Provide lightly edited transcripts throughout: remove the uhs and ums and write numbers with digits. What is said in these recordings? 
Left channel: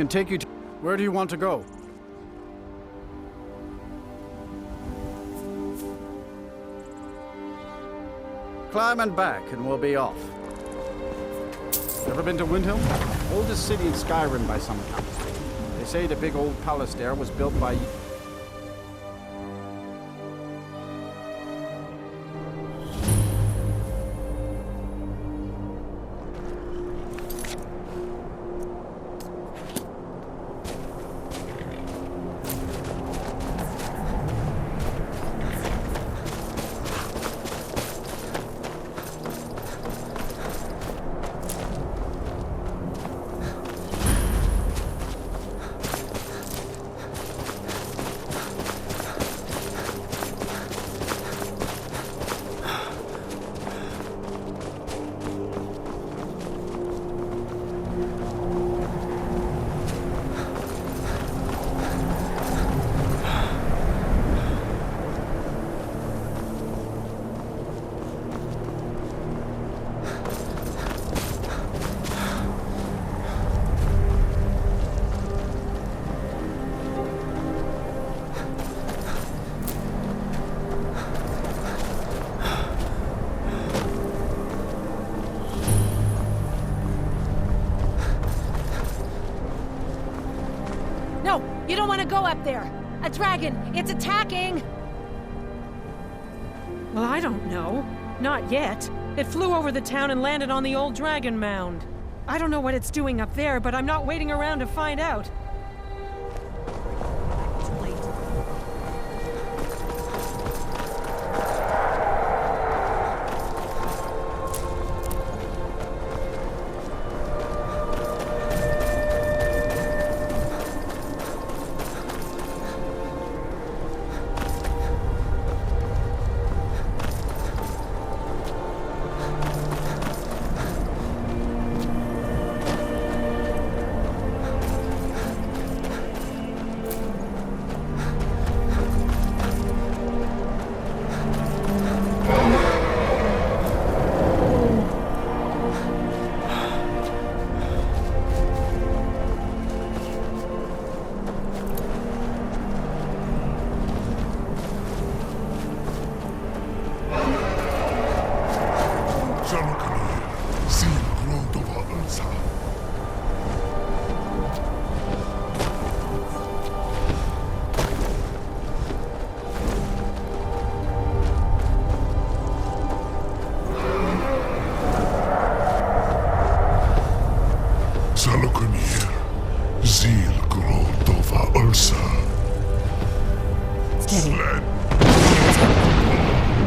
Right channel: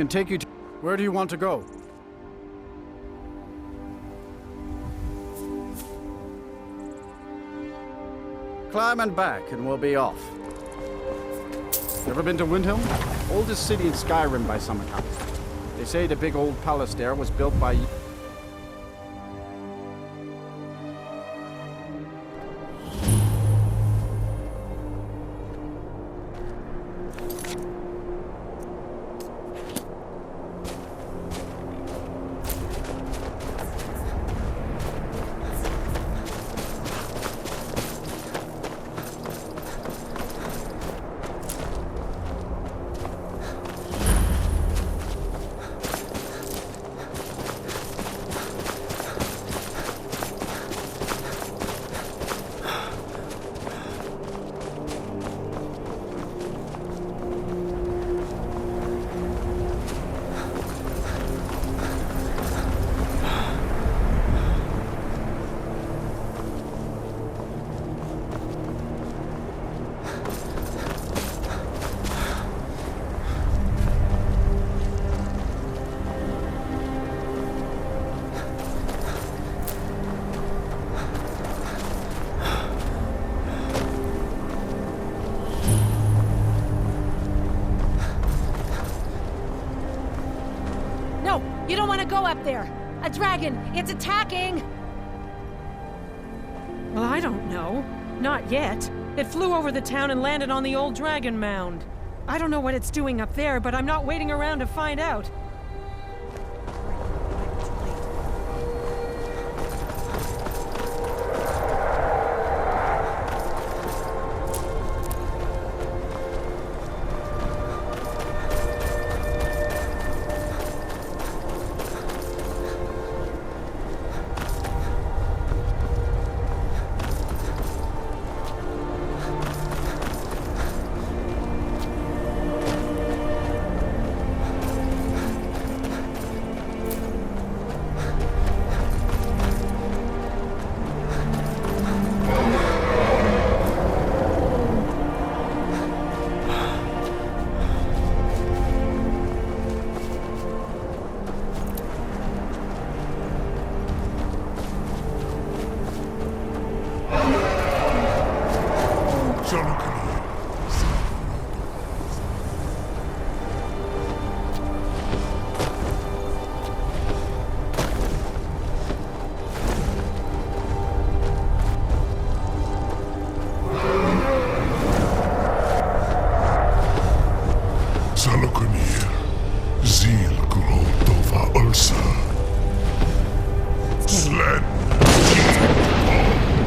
can take you to... Where do you want to go? Climb and back, and we'll be off. Ever been to Windhelm? Oldest city in Skyrim by some accounts. They say the big old palace there was built by... You don't want to go up there! A dragon! It's attacking! Well, I don't know. Not yet. It flew over the town and landed on the old dragon mound. I don't know what it's doing up there, but I'm not waiting around to find out.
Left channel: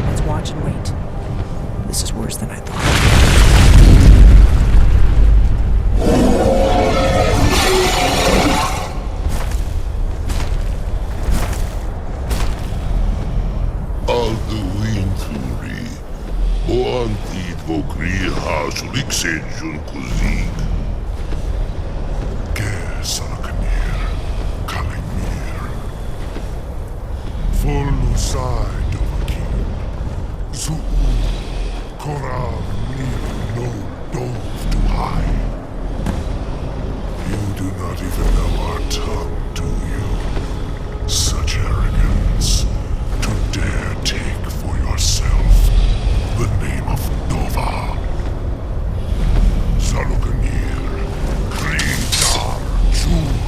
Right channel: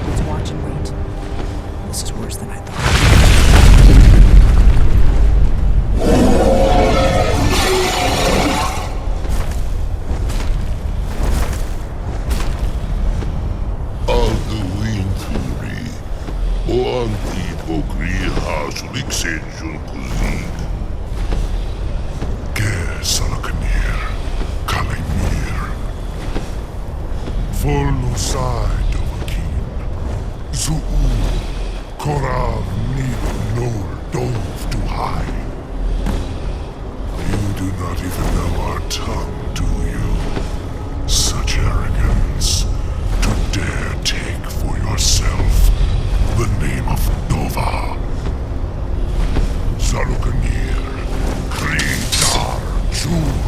Let's watch and wait. This is worse than I thought. Alduinturi, o antipokriha suliksenjun kuzik. Salaknir, Kalimir. Volusai Dovakin. Zuu, Korav Nil Nol Dov to high. You do not even know our tongue, do you? Such arrogance. To dare take for yourself the name of Dova. Zalukanir, Kridar, Jur.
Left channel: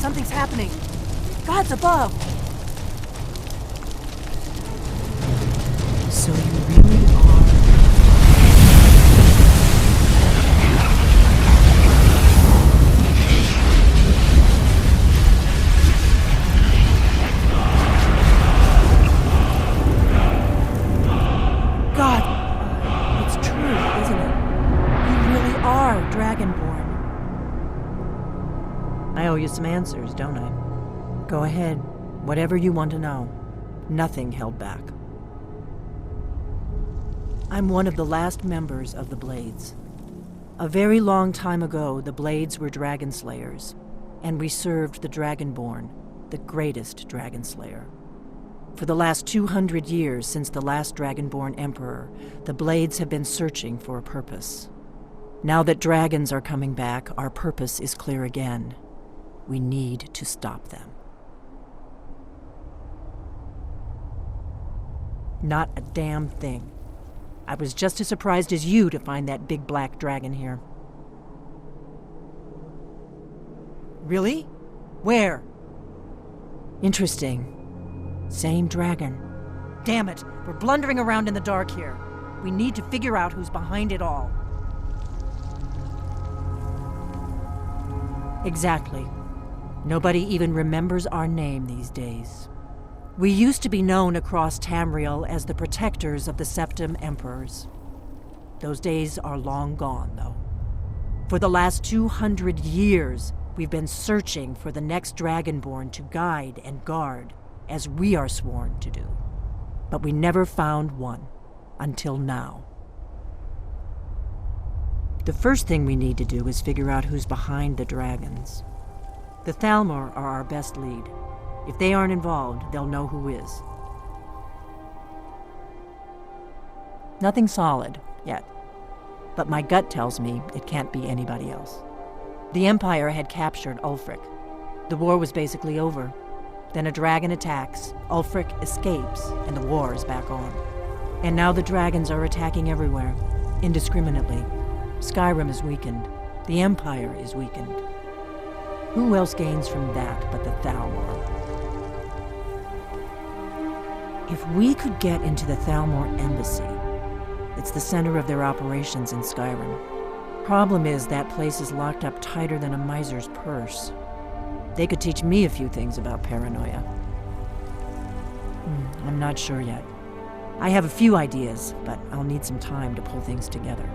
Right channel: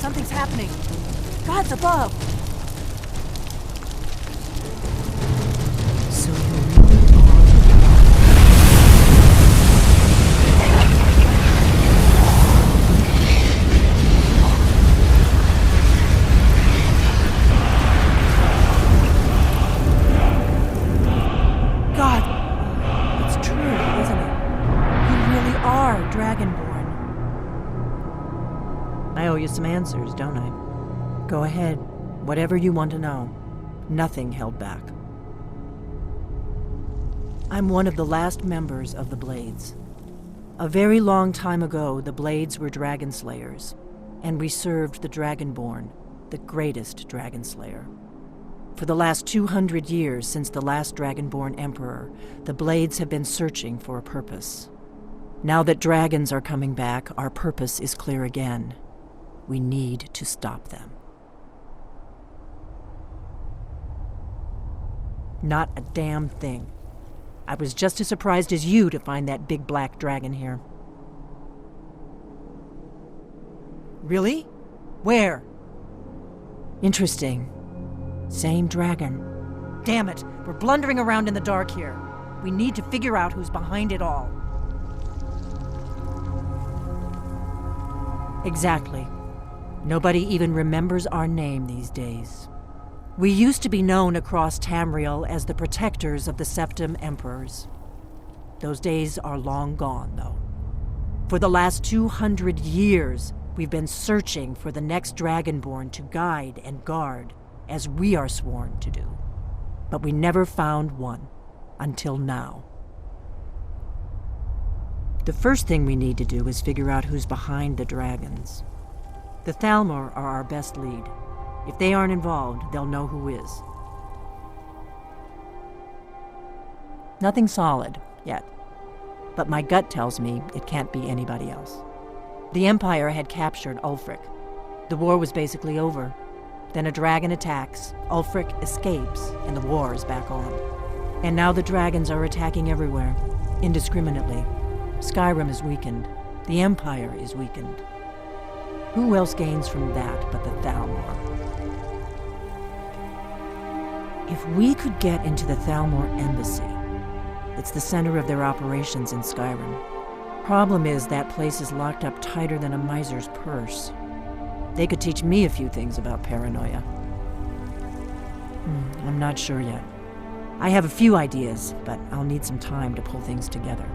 Something's happening. God's above. So you really are... God, it's true, isn't it? You really are Dragonborn. I owe you some answers, don't I? Go ahead. Whatever you want to know. Nothing held back. I'm one of the last members of the Blades. A very long time ago, the Blades were dragon slayers, and we served the Dragonborn, the greatest dragon slayer. For the last 200 years since the last Dragonborn Emperor, the Blades have been searching for a purpose. Now that dragons are coming back, our purpose is clear again. We need to stop them. Not a damn thing. I was just as surprised as you to find that big black dragon here. Really? Where? Interesting. Same dragon. Damn it, we're blundering around in the dark here. We need to figure out who's behind it all. Exactly. Nobody even remembers our name these days. We used to be known across Tamriel as the protectors of the Septim Emperors. Those days are long gone, though. For the last 200 years, we've been searching for the next Dragonborn to guide and guard, as we are sworn to do. But we never found one, until now. The first thing we need to do is figure out who's behind the dragons. The Thalmor are our best lead. If they aren't involved, they'll know who is. Nothing solid, yet. But my gut tells me it can't be anybody else. The Empire had captured Ulfric. The war was basically over. Then a dragon attacks, Ulfric escapes, and the war is back on. And now the dragons are attacking everywhere, indiscriminately. Skyrim is weakened. The Empire is weakened. Who else gains from that but the Thalmor? If we could get into the Thalmor embassy, it's the center of their operations in Skyrim. Problem is, that place is locked up tighter than a miser's purse. They could teach me a few things about paranoia. I'm not sure yet. I have a few ideas, but I'll need some time to pull things together.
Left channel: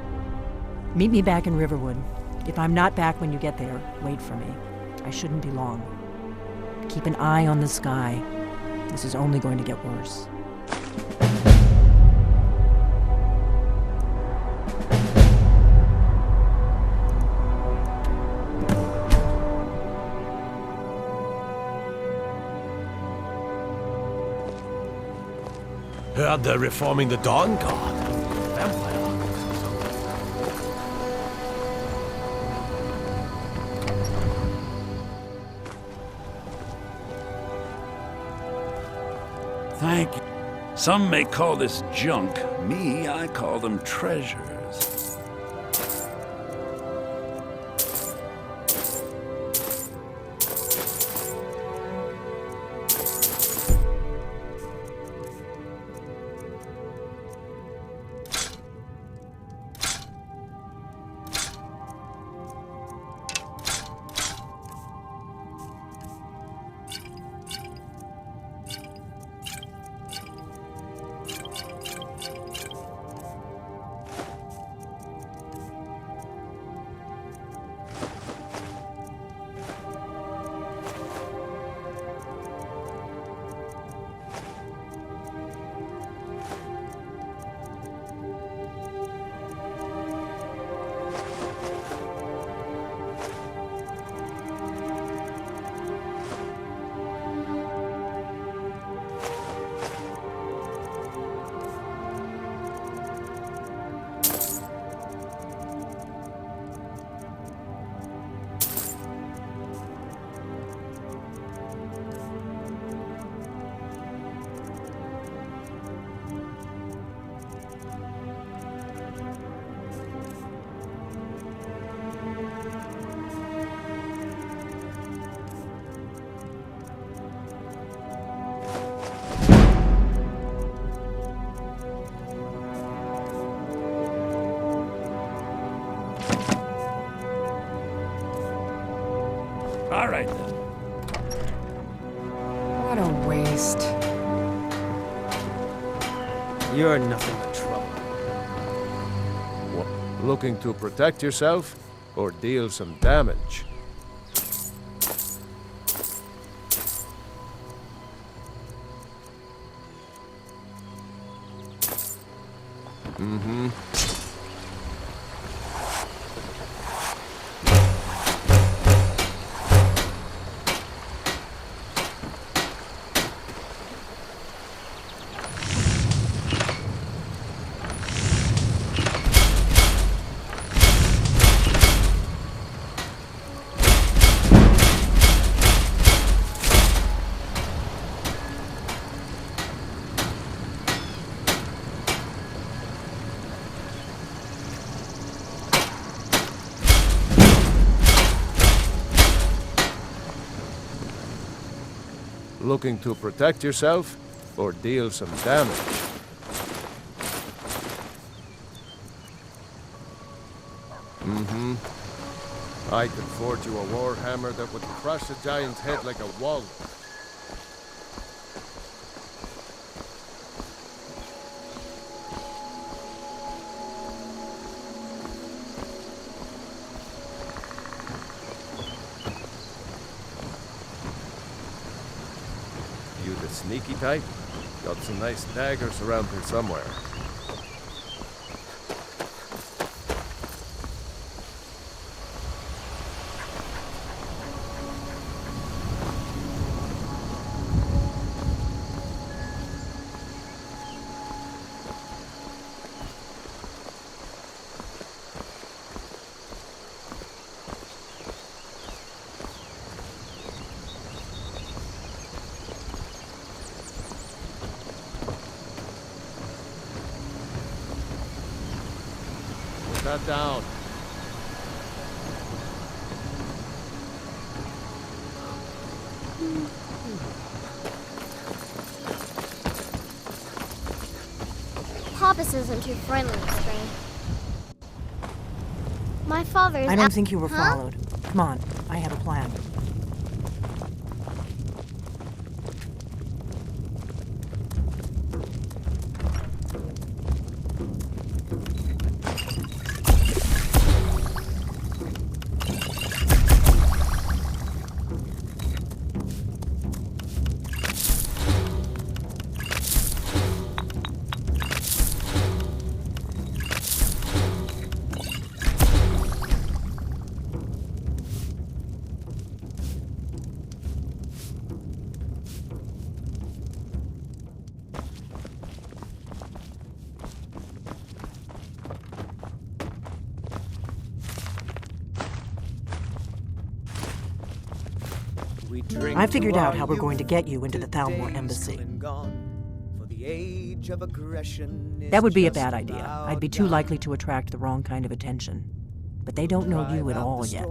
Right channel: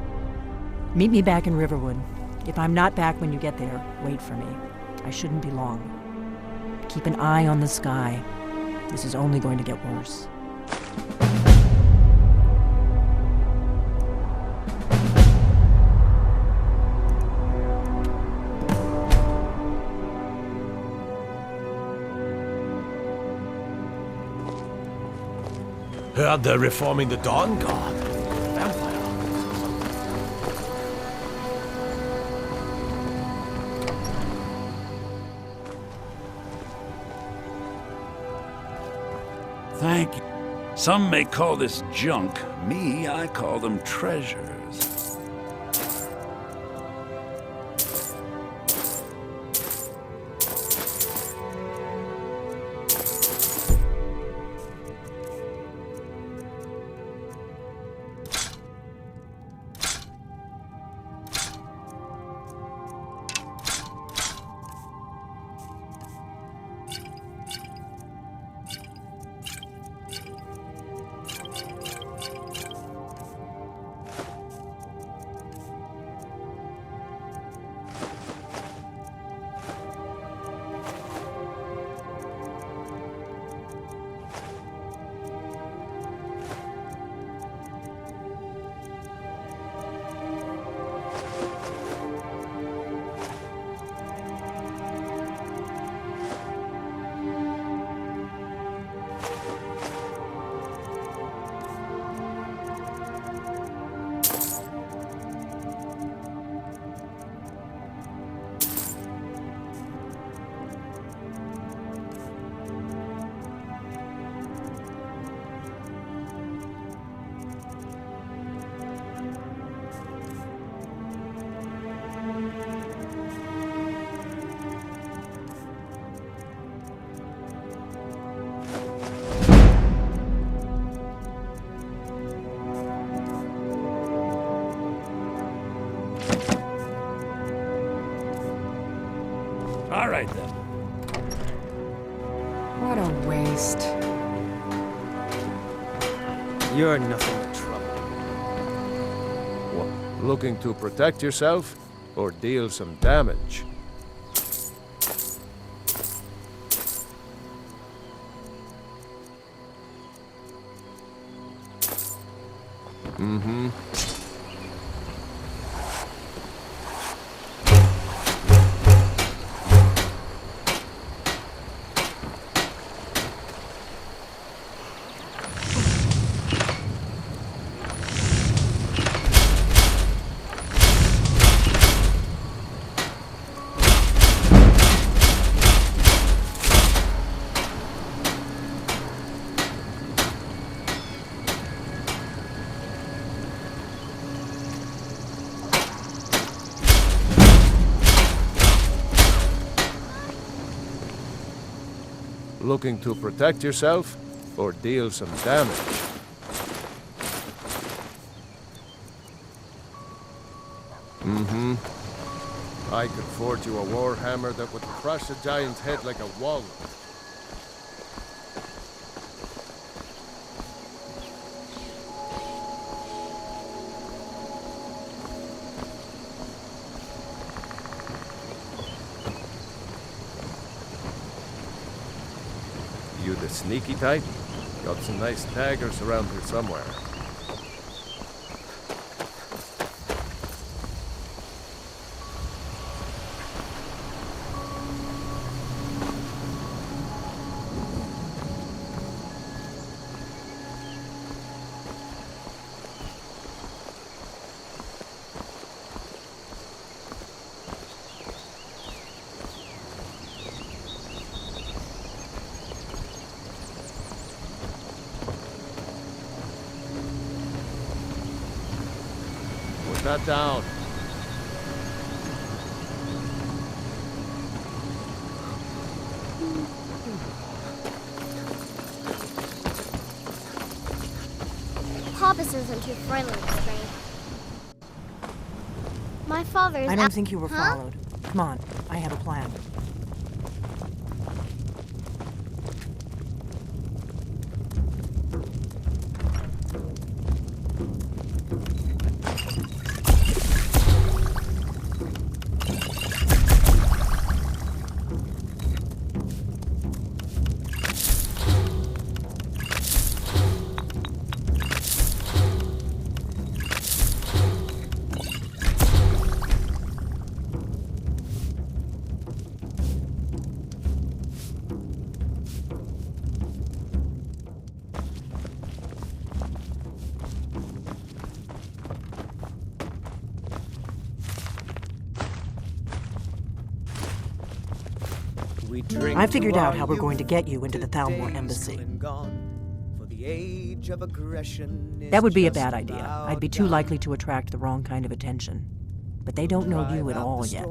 Meet me back in Riverwood. If I'm not back when you get there, wait for me. I shouldn't be long. Keep an eye on the sky. This is only going to get worse. Heard they're reforming the Dawn Guard. Vampire hunters or something. Thank you. Some may call this junk. Me, I call them treasures. All right, then. What a waste. You're nothing but trouble. What, looking to protect yourself or deal some damage? Mm-hmm. Looking to protect yourself or deal some damage? Mm-hmm. I could forge you a warhammer that would crush a giant's head like a walnut. You the sneaky type? Got some nice daggers around here somewhere. Put that down. Papas isn't too friendly with me. My father's I don't think you were Huh? followed. Come on, I have a plan. I figured out how we're going to get you into the Thalmor embassy. That would be a bad idea. I'd be too likely to attract the wrong kind of attention. But they don't know you at all yet.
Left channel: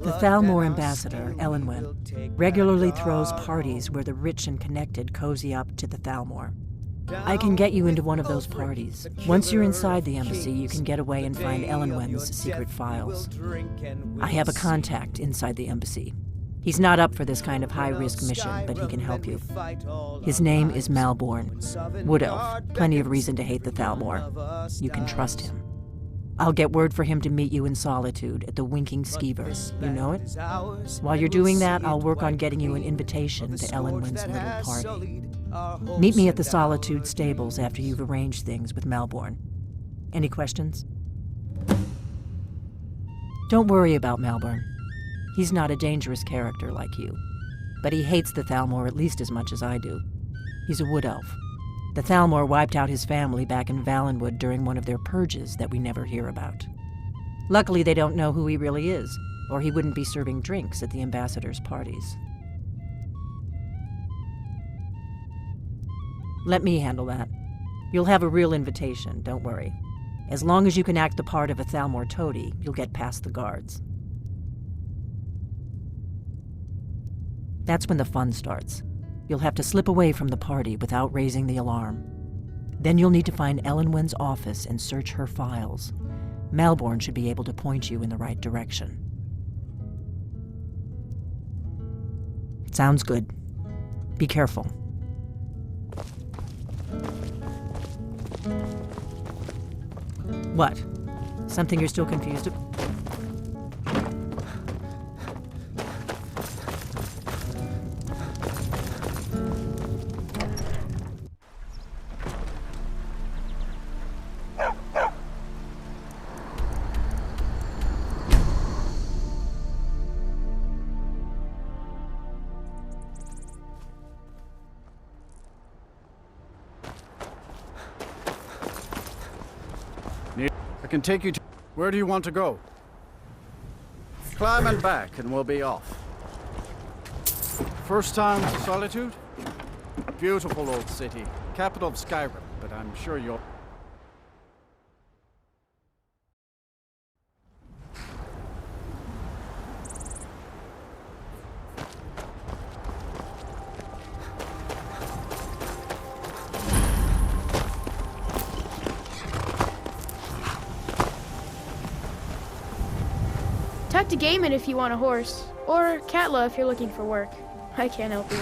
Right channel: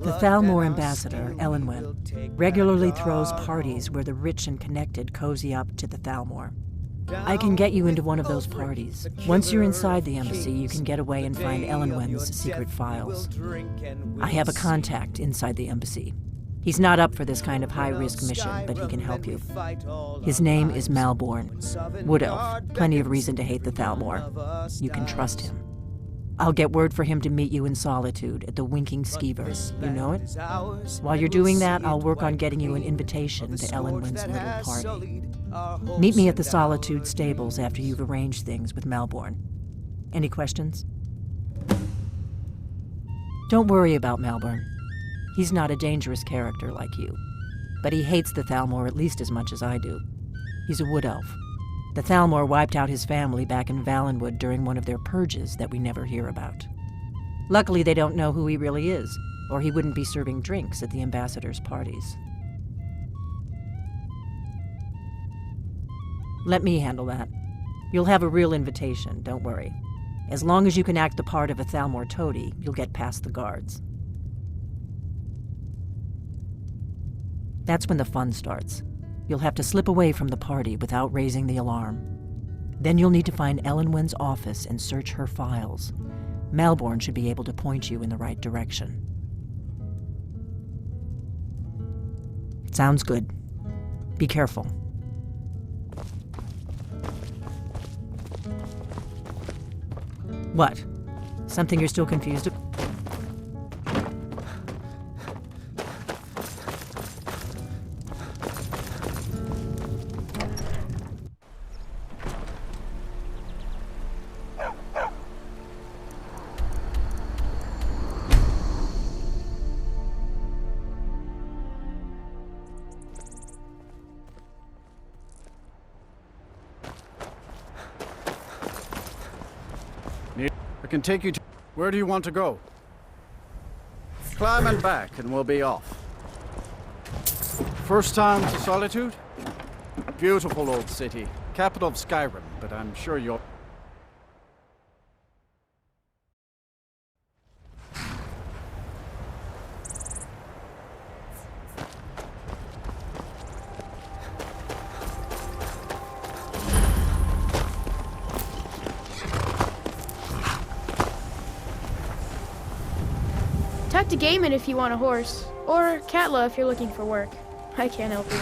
The Thalmor ambassador, Elenwen, regularly throws parties where the rich and connected cozy up to the Thalmor. I can get you into one of those parties. Once you're inside the embassy, you can get away and find Elenwen's secret files. I have a contact inside the embassy. He's not up for this kind of high-risk mission, but he can help you. His name is Malborn. Wood Elf. Plenty of reason to hate the Thalmor. You can trust him. I'll get word for him to meet you in Solitude at the Winking Skeever. You know it? While you're doing that, I'll work on getting you an invitation to Elenwen's little party. Meet me at the Solitude stables after you've arranged things with Malborn. Any questions? Don't worry about Malborn. He's not a dangerous character like you. But he hates the Thalmor at least as much as I do. He's a wood elf. The Thalmor wiped out his family back in Valenwood during one of their purges that we never hear about. Luckily, they don't know who he really is, or he wouldn't be serving drinks at the ambassador's parties. Let me handle that. You'll have a real invitation, don't worry. As long as you can act the part of a Thalmor toady, you'll get past the guards. That's when the fun starts. You'll have to slip away from the party without raising the alarm. Then you'll need to find Elenwen's office and search her files. Melbourne should be able to point you in the right direction. Sounds good. Be careful. What? Something you're still confused about? I can take you to... Where do you want to go? Climb and back, and we'll be off. First time to Solitude? Beautiful old city. Capital of Skyrim, but I'm sure you'll... Talk to Gaiman if you want a horse, or Katla if you're looking for work. I can't help you.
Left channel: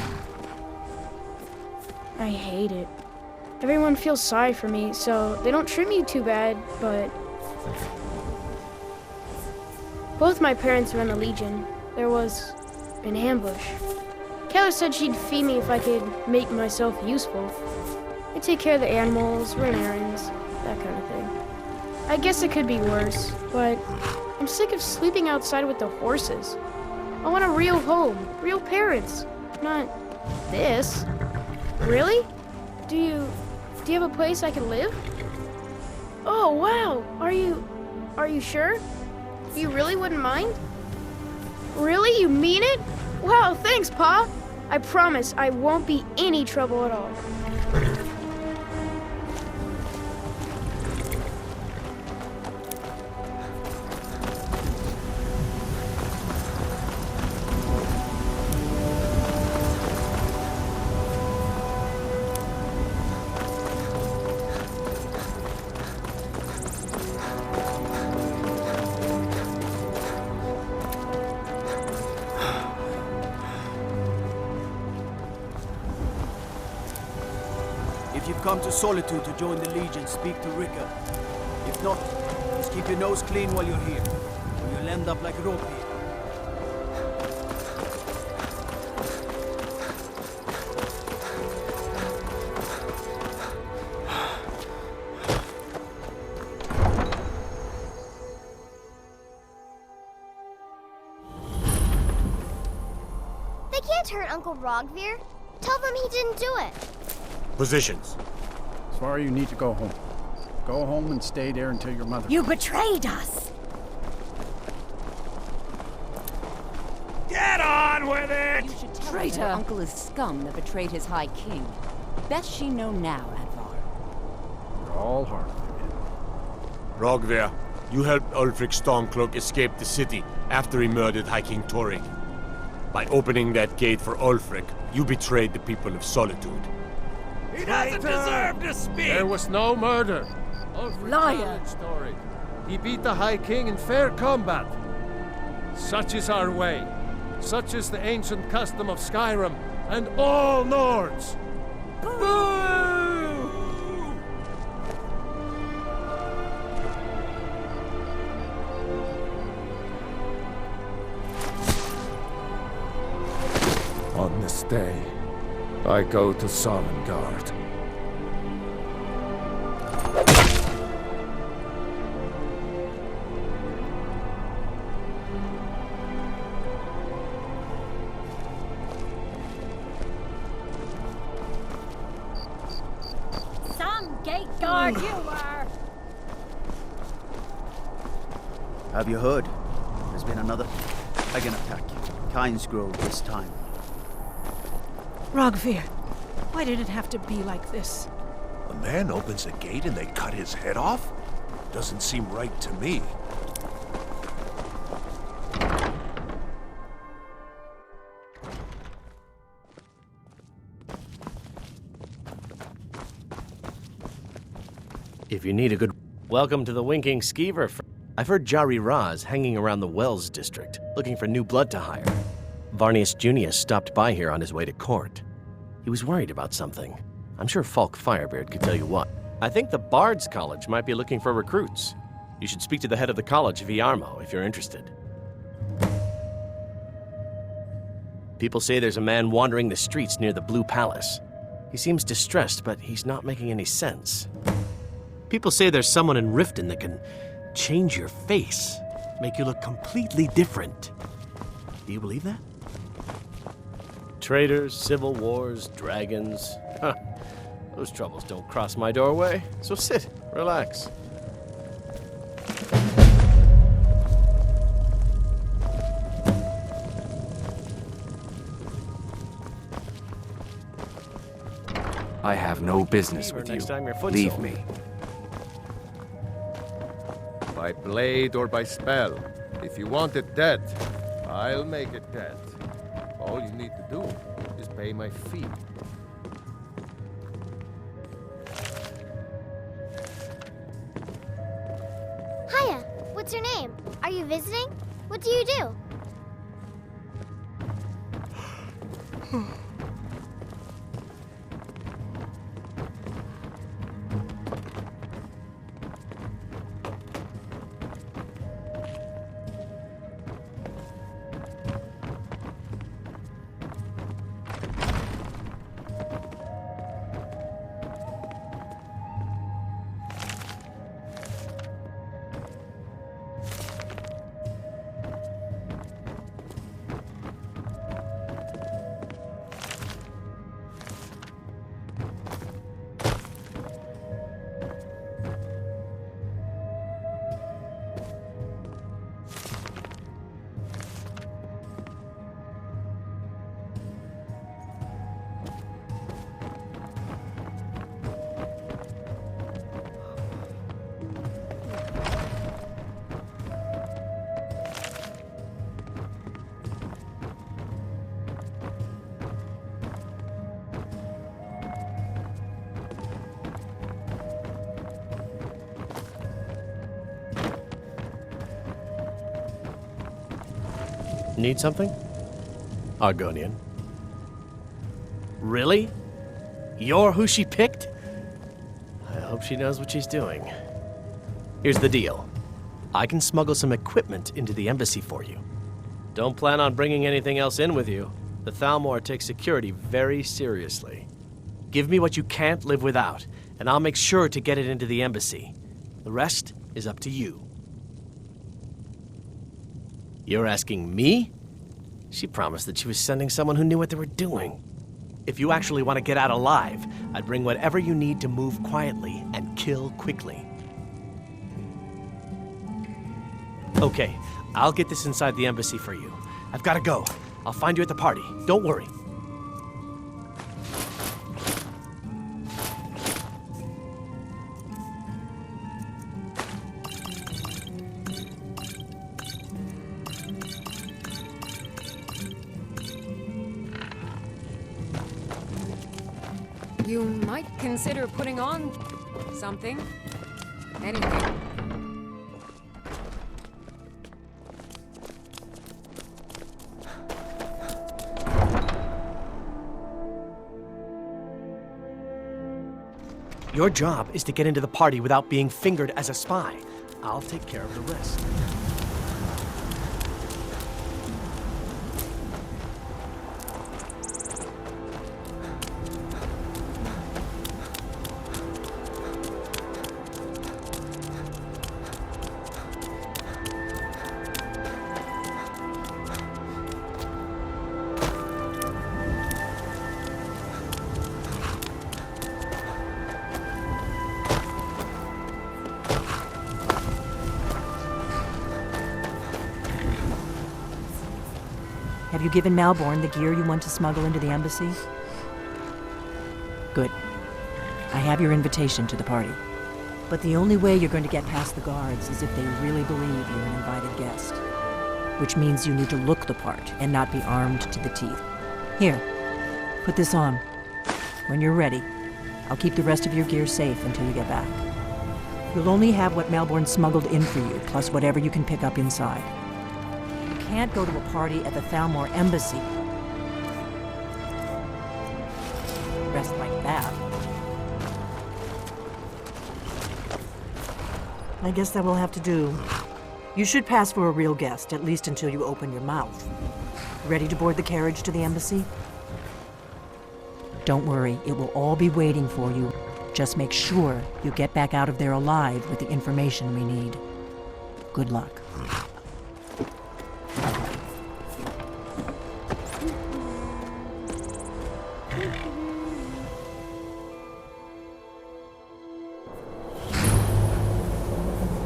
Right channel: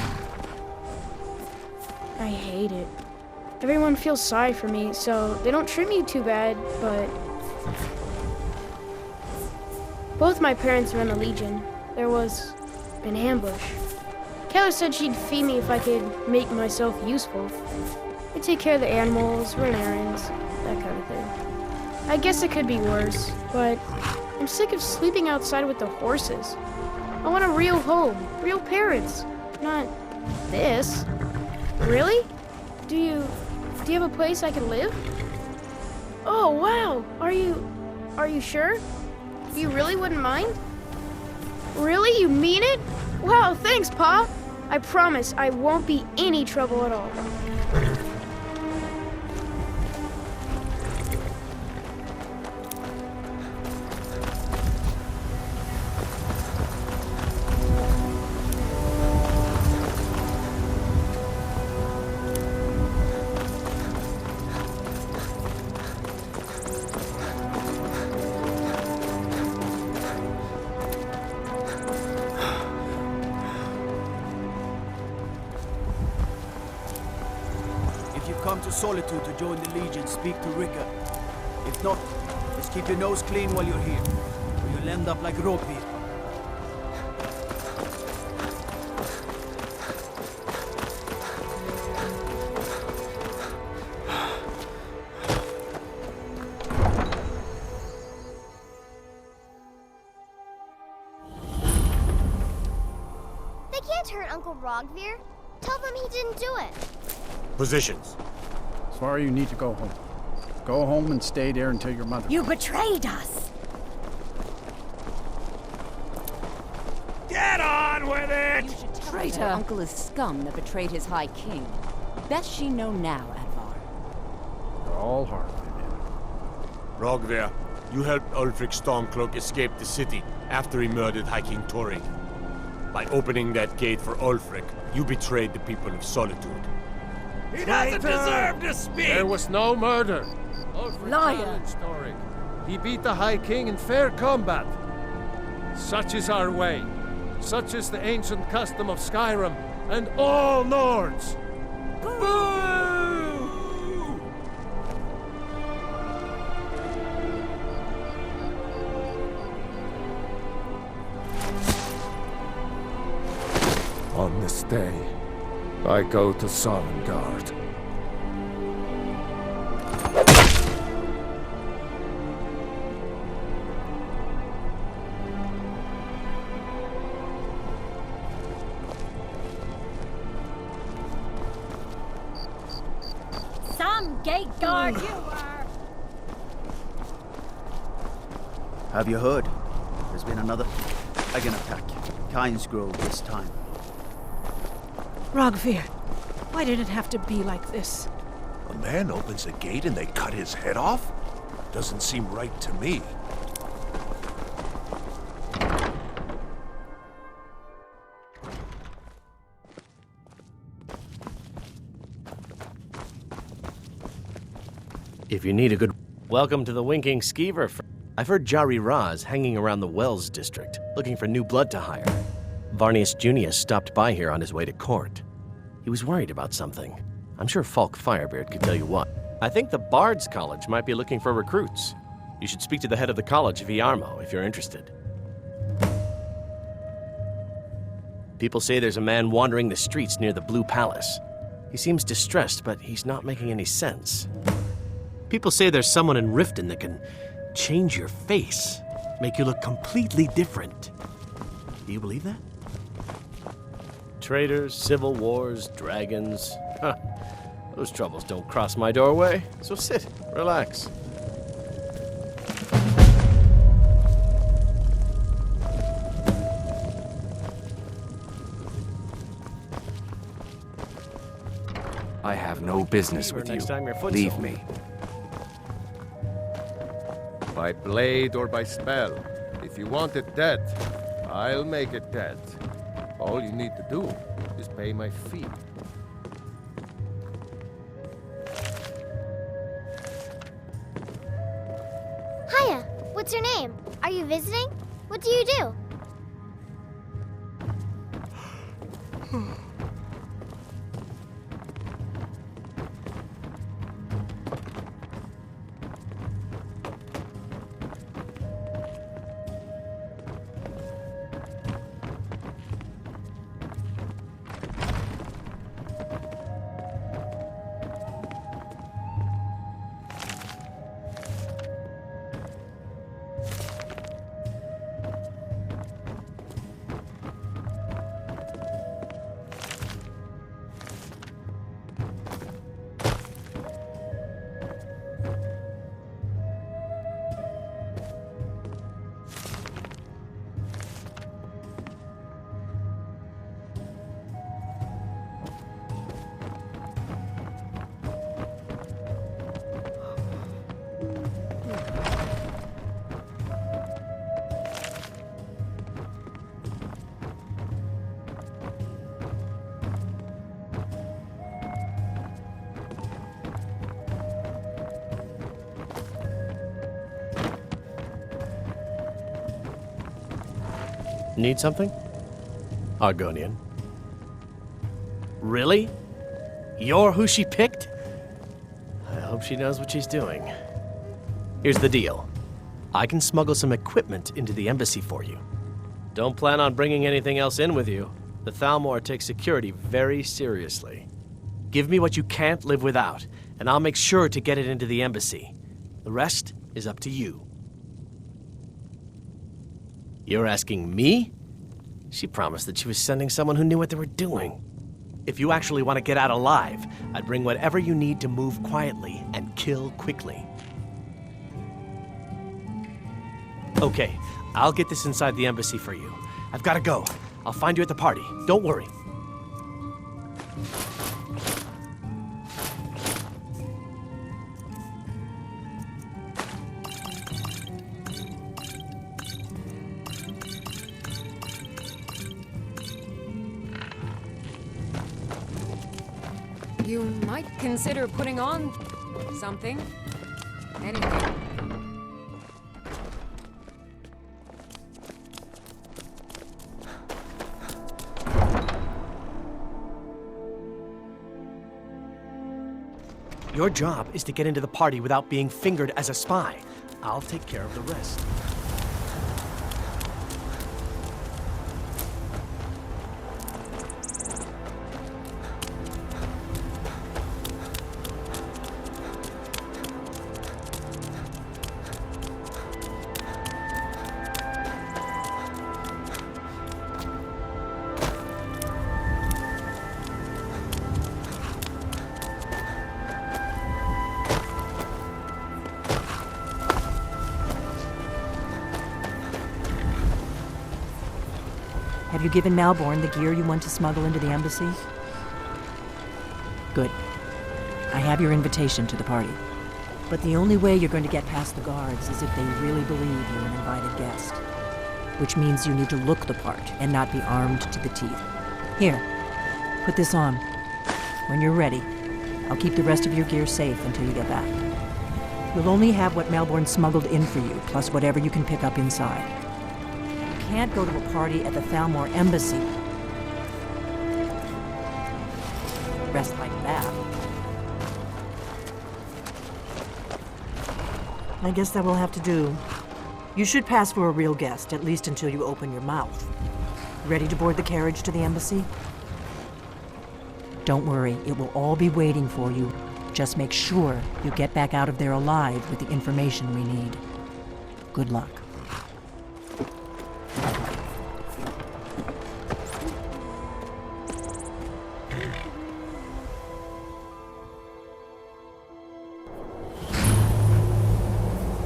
I hate it. Everyone feels sorry for me, so they don't treat me too bad, but... Both my parents were in the Legion. There was an ambush. Katla said she'd feed me if I could make myself useful. I'd take care of the animals, run errands, that kind of thing. I guess it could be worse, but I'm sick of sleeping outside with the horses. I want a real home, real parents, not this. Really? Do you have a place I can live? Oh, wow. Are you sure? You really wouldn't mind? Really? You mean it? Wow, thanks, Pa. I promise I won't be any trouble at all. If you've come to Solitude to join the Legion, speak to Rika. If not, just keep your nose clean while you're here, or you'll end up like Ropi. They can't hurt Uncle Rogvir. Tell them he didn't do it. Positions. Svar, you need to go home. Go home and stay there until your mother... You betrayed us! Get on with it! You should tell her her uncle is scum that betrayed his High King. Best she know now, Advar. You're all hard, Vivian. Rogvir, you helped Ulfric Stormcloak escape the city after he murdered High King Torrig. By opening that gate for Ulfric, you betrayed the people of Solitude. He doesn't deserve to speak! There was no murder. Ulfric Liar. challenged Torrig. He beat the High King in fair combat. Such is our way. Such is the ancient custom of Skyrim and all Nords. Boo! On this day, I go to Sovngarde. Some gate guard you are! Have you heard? There's been another dragon attack. Kyne's Grove this time. Rogvir, why did it have to be like this? A man opens a gate and they cut his head off? Doesn't seem right to me. If you need a good... Welcome to the Winking Skeever. I've heard Jari Ra's hanging around the Wells district, looking for new blood to hire. Varnius Junius stopped by here on his way to court. He was worried about something. I'm sure Falk Firebeard could tell you what. I think the Bard's College might be looking for recruits. You should speak to the head of the college, Viarmo, if you're interested. People say there's a man wandering the streets near the Blue Palace. He seems distressed, but he's not making any sense. People say there's someone in Riften that can change your face, make you look completely different. Do you believe that? Traitors, civil wars, dragons. Huh. Those troubles don't cross my doorway, so sit, relax. I have no business with you. Leave me. By blade or by spell. If you want it dead, I'll make it dead. All you need to do is pay my fee. Hiya, what's your name? Are you visiting? What do you do? Need something? Argonian. Really? You're who she picked? I hope she knows what she's doing. Here's the deal. I can smuggle some equipment into the embassy for you. Don't plan on bringing anything else in with you. The Thalmor takes security very seriously. Give me what you can't live without, and I'll make sure to get it into the embassy. The rest is up to you. You're asking me? She promised that she was sending someone who knew what they were doing. If you actually want to get out alive, I'd bring whatever you need to move quietly and kill quickly. Okay, I'll get this inside the embassy for you. I've got to go. I'll find you at the party. Don't worry. You might consider putting on something. Anything. Your job is to get into the party without being fingered as a spy. I'll take care of the rest. Have you given Malborn the gear you want to smuggle into the embassy? Good. I have your invitation to the party. But the only way you're going to get past the guards is if they really believe you're an invited guest. Which means you need to look the part and not be armed to the teeth. Here, put this on. When you're ready, I'll keep the rest of your gear safe until you get back. You'll only have what Melbourne smuggled in for you, plus whatever you can pick up inside. You can't go to a party at the Thalmor Embassy dressed like that. I guess that will have to do. You should pass for a real guest, at least until you open your mouth. Ready to board the carriage to the embassy? Don't worry, it will all be waiting for you. Just make sure you get back out of there alive with the information we need. Good luck.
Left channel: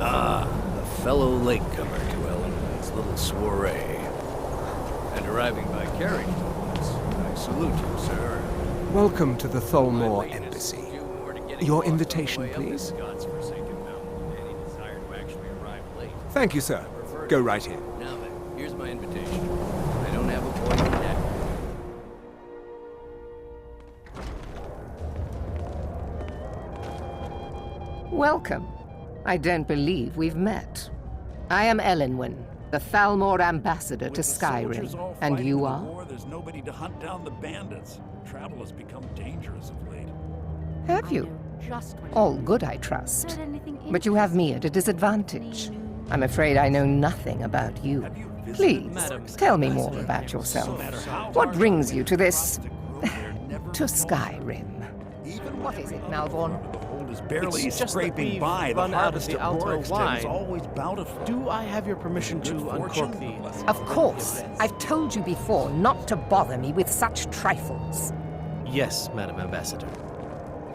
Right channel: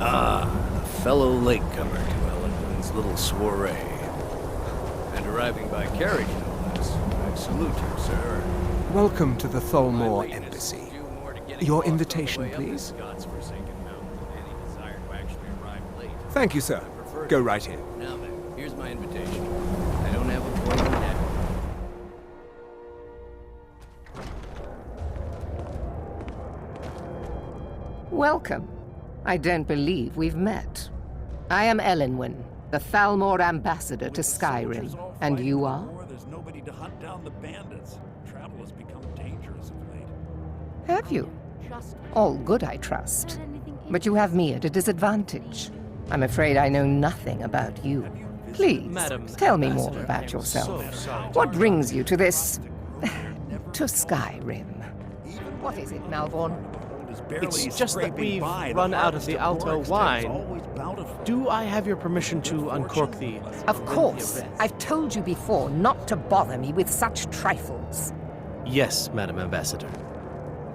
A fellow latecomer to Ellenwood's little soiree. And arriving by carriage, no less. I salute you, sir. Welcome to the Thalmor Embassy. Your invitation, please. Thank you, sir. Go right in. Now then, here's my invitation. I don't have a poison net. Welcome. I don't believe we've met. I am Ellenwyn, the Thalmor ambassador to Skyrim. And you are? There's nobody to hunt down the bandits. Travel has become dangerous of late. Have you? All good, I trust. But you have me at a disadvantage. I'm afraid I know nothing about you. Please, tell me more about yourself. What brings you to this... to Skyrim? What is it, Malvorn? It's just that we've run out of the Alto wine. Do I have your permission to uncork the... Of course. I've told you before not to bother me with such trifles. Yes, Madam Ambassador.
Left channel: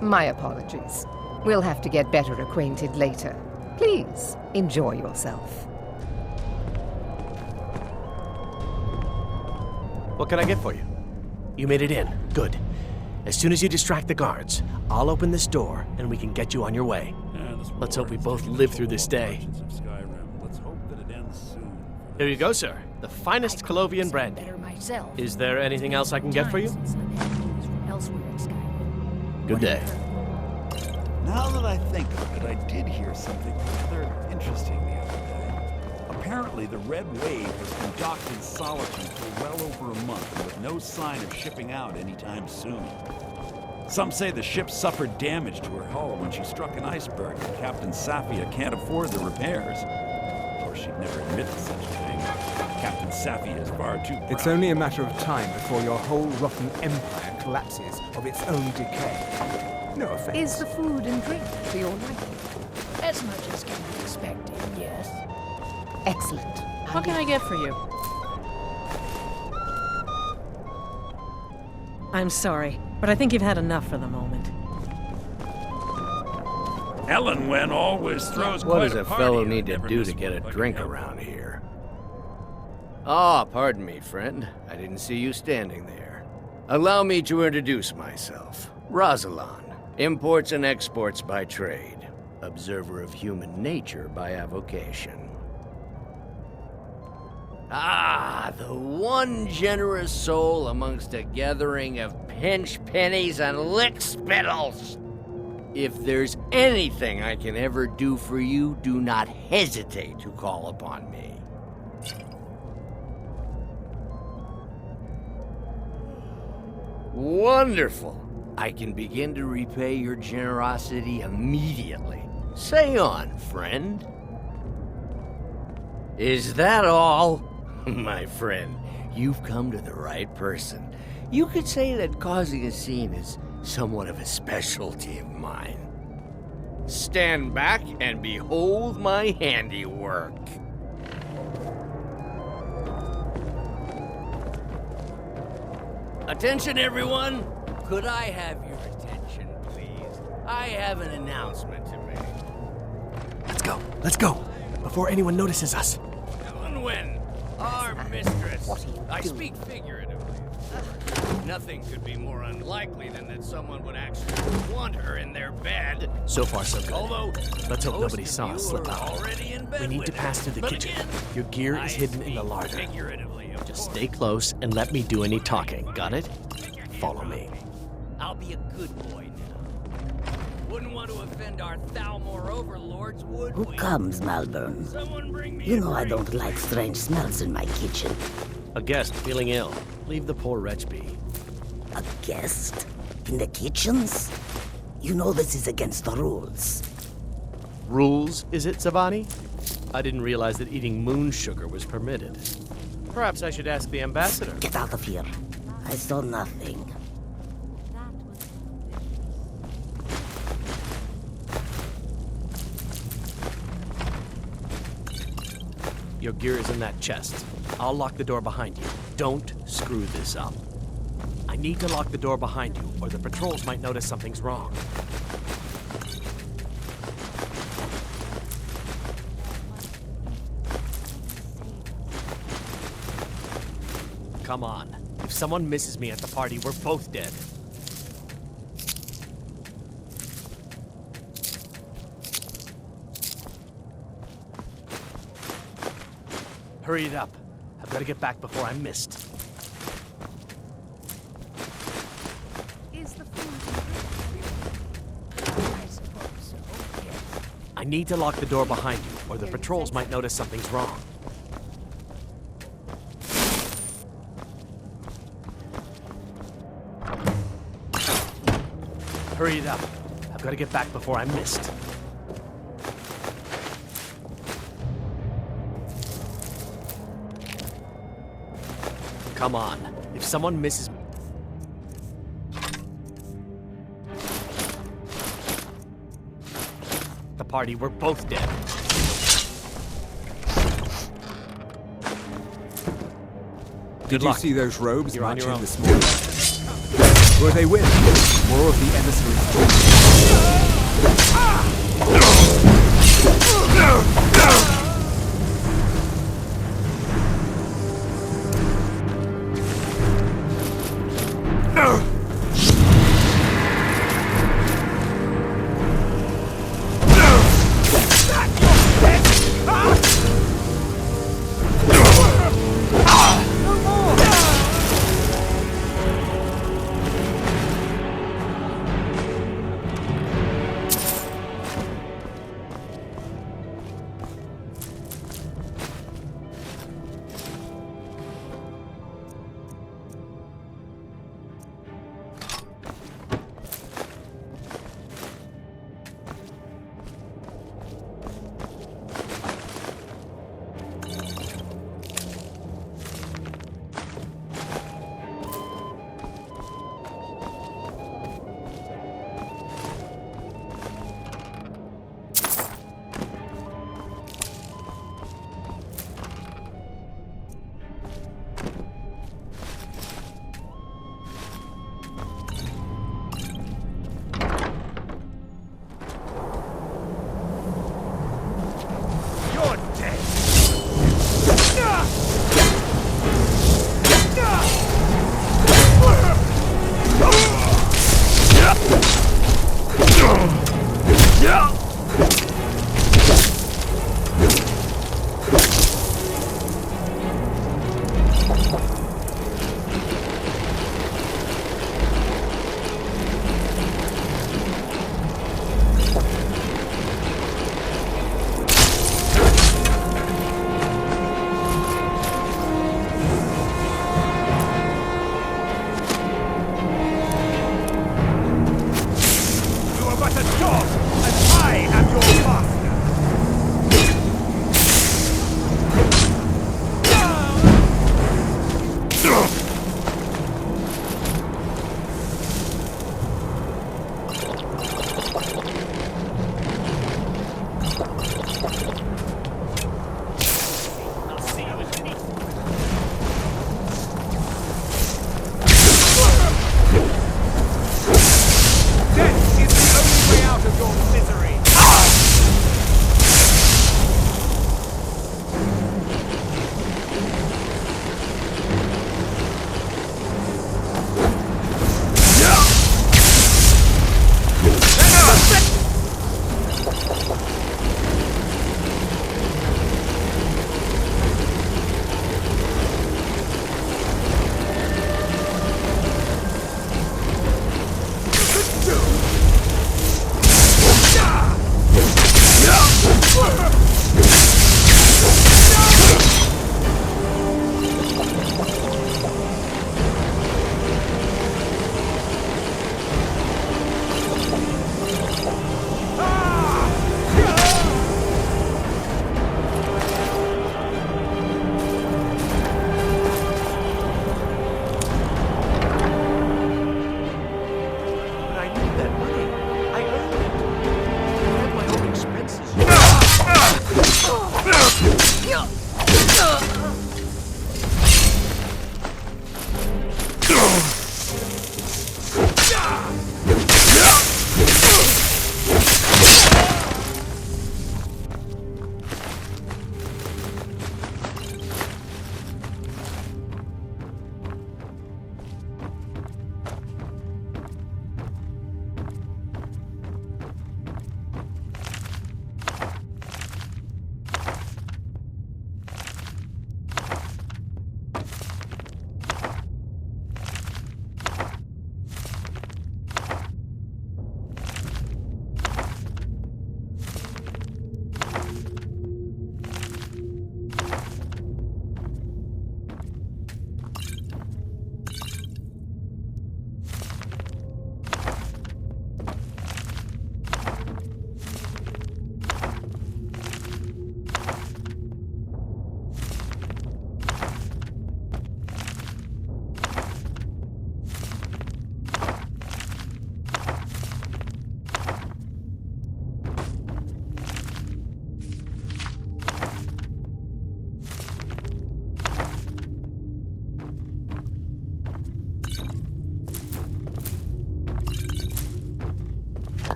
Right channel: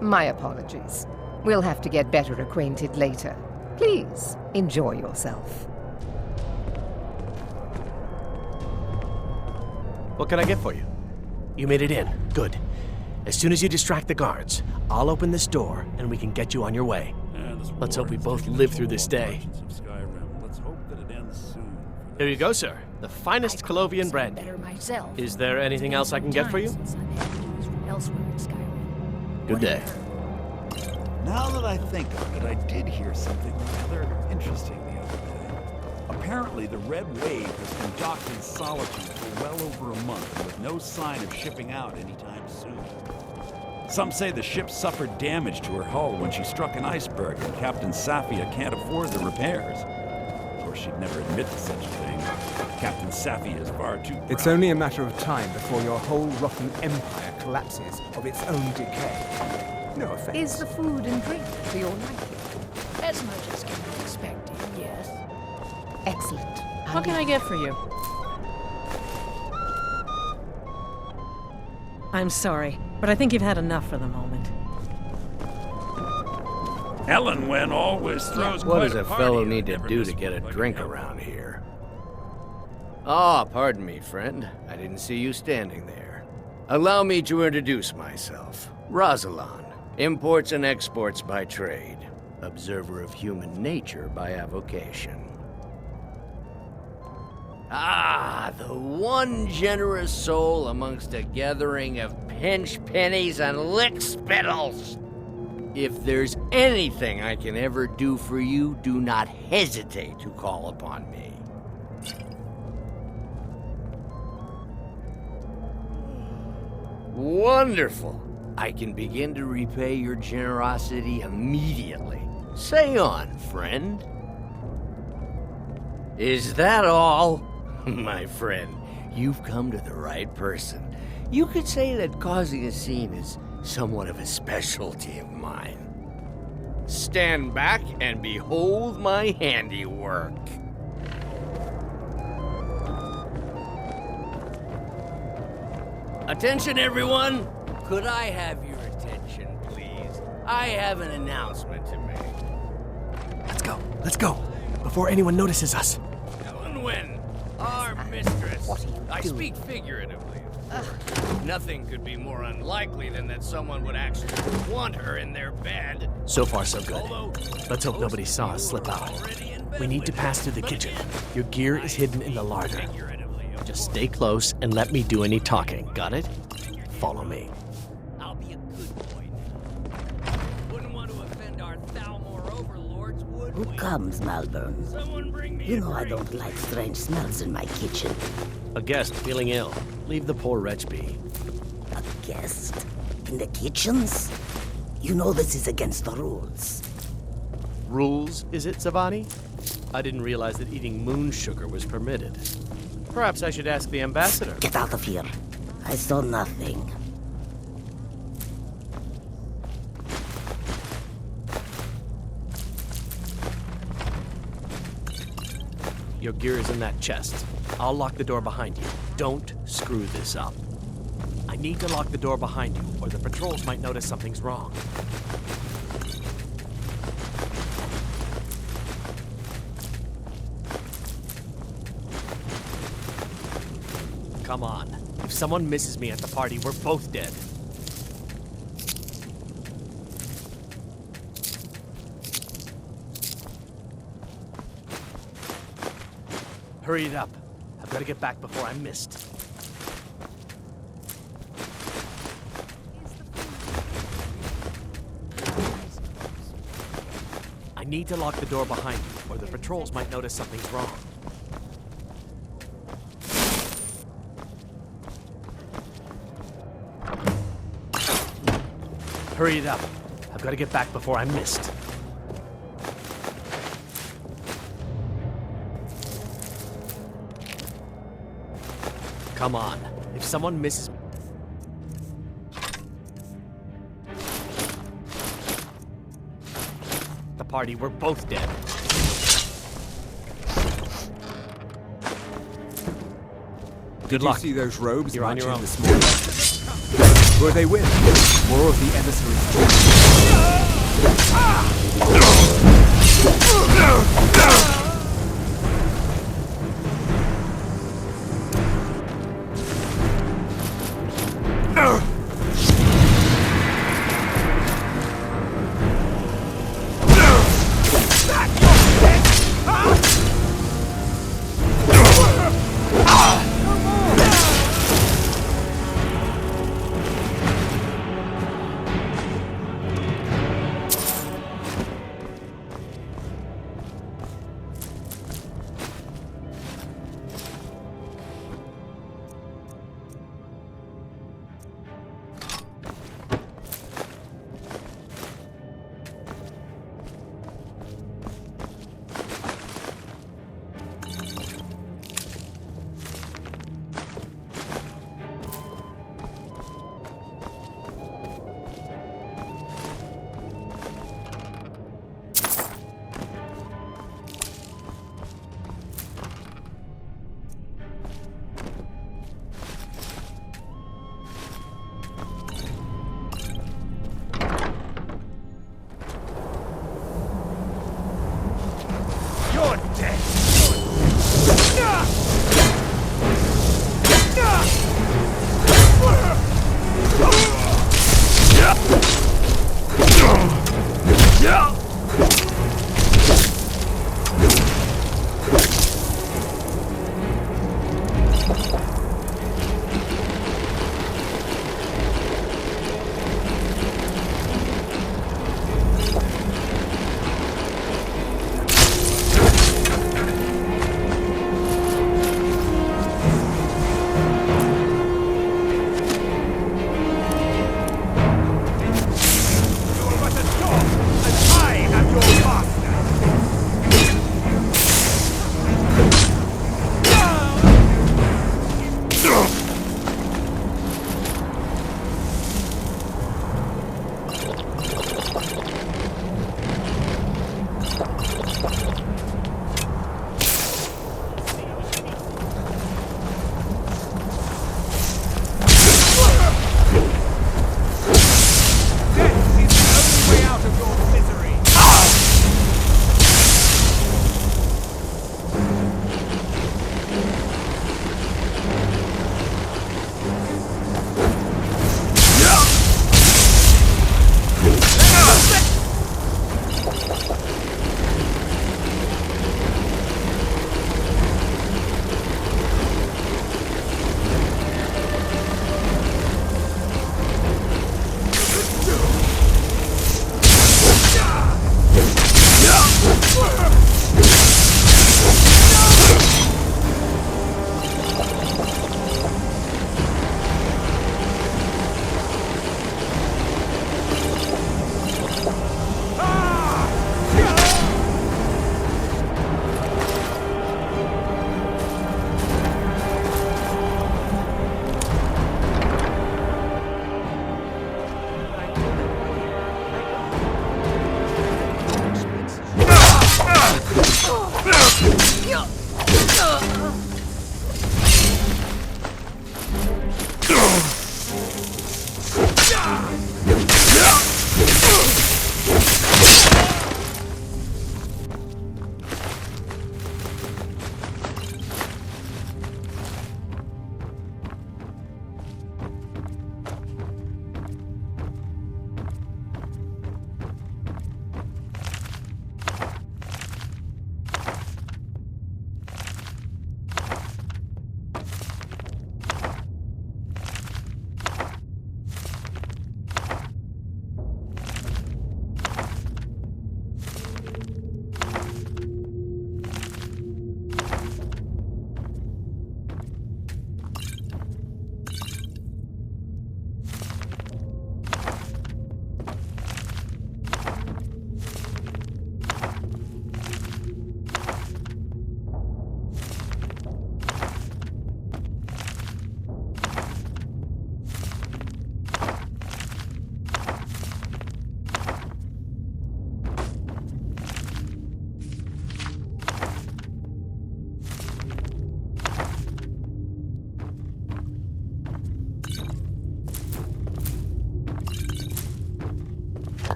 My apologies. We'll have to get better acquainted later. Please, enjoy yourself. What can I get for you? You made it in. Good. As soon as you distract the guards, I'll open this door and we can get you on your way. Let's hope we both live through this day. Here you go, sir. The finest Colovian brandy. Is there anything else I can get for you? Good day. Now that I think of it, I did hear something rather interesting the other day. Apparently, the Red Wave has been docked in Solitude for well over a month and with no sign of shipping out anytime soon. Some say the ship suffered damage to her hull when she struck an iceberg and Captain Safia can't afford the repairs. Of course, she'd never admit to such a thing. Captain Safia is far too proud. It's only a matter of time before your whole rotten empire collapses of its own decay. No offense. Is the food and drink to your liking? As much as can be expected, yes. Excellent. What can I get for you? I'm sorry, but I think you've had enough for the moment. Ellenwen always throws What quite does a party. fellow need to do to get a drink around here? Ah, pardon me, friend. I didn't see you standing there. Allow me to introduce myself. Rosalan, imports and exports by trade. Observer of human nature by avocation. Ah, the one generous soul amongst a gathering of pinch pennies and lick spittles. If there's anything I can ever do for you, do not hesitate to call upon me. Wonderful. I can begin to repay your generosity immediately. Say on, friend. Is that all? My friend, you've come to the right person. You could say that causing a scene is somewhat of a specialty of mine. Stand back and behold my handiwork. Attention, everyone! Could I have your attention, please? I have an announcement to make. Let's go, before anyone notices us. Ellenwen, our mistress. What are you I doing? speak figuratively, of course. Nothing could be more unlikely than that someone would actually want her in their bed. So far, so good. Although, Let's hope nobody saw us slip out. We need to pass through the kitchen. Your gear is hidden in the larder. Just stay close and let me do any talking. Got it? Follow me. I'll be a good boy now. Wouldn't want to offend offend our Thalmor overlords, would Who we? comes, Malvern? Someone bring me You a know I drink. don't like strange smells in my kitchen. A guest feeling ill. Leave the poor wretch be. A guest? In the kitchens? You know this is against the rules. Rules, is it, Zavani? I didn't realize that eating moon sugar was permitted. Perhaps I should ask the ambassador. Get out of here. I saw nothing. Your gear is in that chest. I'll lock the door behind you. Don't screw this up. I need to lock the door behind you, or the patrols might notice something's wrong. Come on. If someone misses me at the party, we're both dead. Hurry it up. I've got to get back before I'm missed. I need to lock the door behind you, or the patrols might notice something's wrong. Hurry it up. I've got to get back before I'm missed. Come on. If someone misses me... The party, we're both dead. Did luck. you see those robes You're on your marching own. this morning? Will they win? More of the emissaries. You're dead. You are but a dog, and I am your master. Death is the only way out of your misery.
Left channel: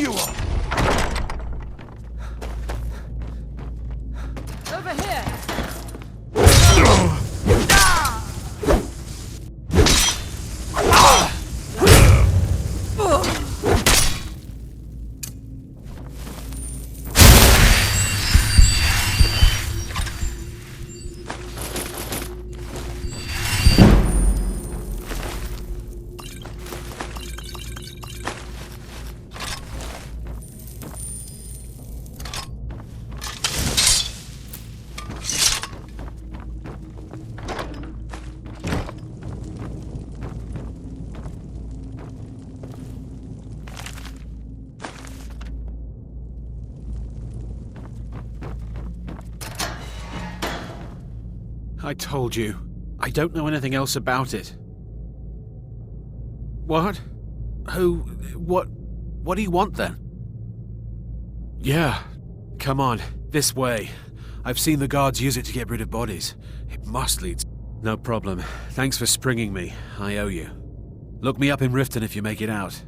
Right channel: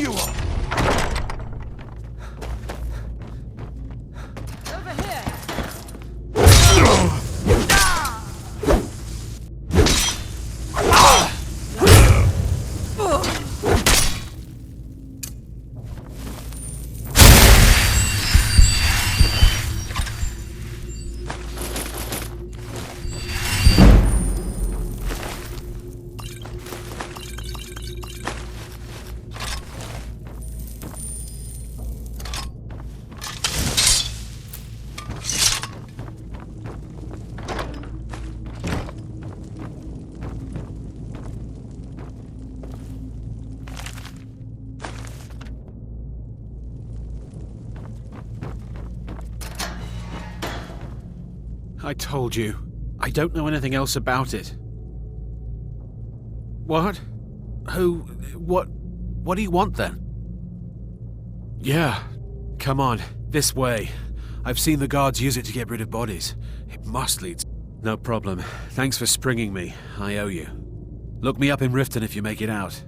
you are! Over here! I told you. I don't know anything else about it. What? Who? What do you want then? Yeah. Come on. This way. I've seen the guards use it to get rid of bodies. It must lead... No problem. Thanks for springing me. I owe you. Look me up in Riften if you make it out.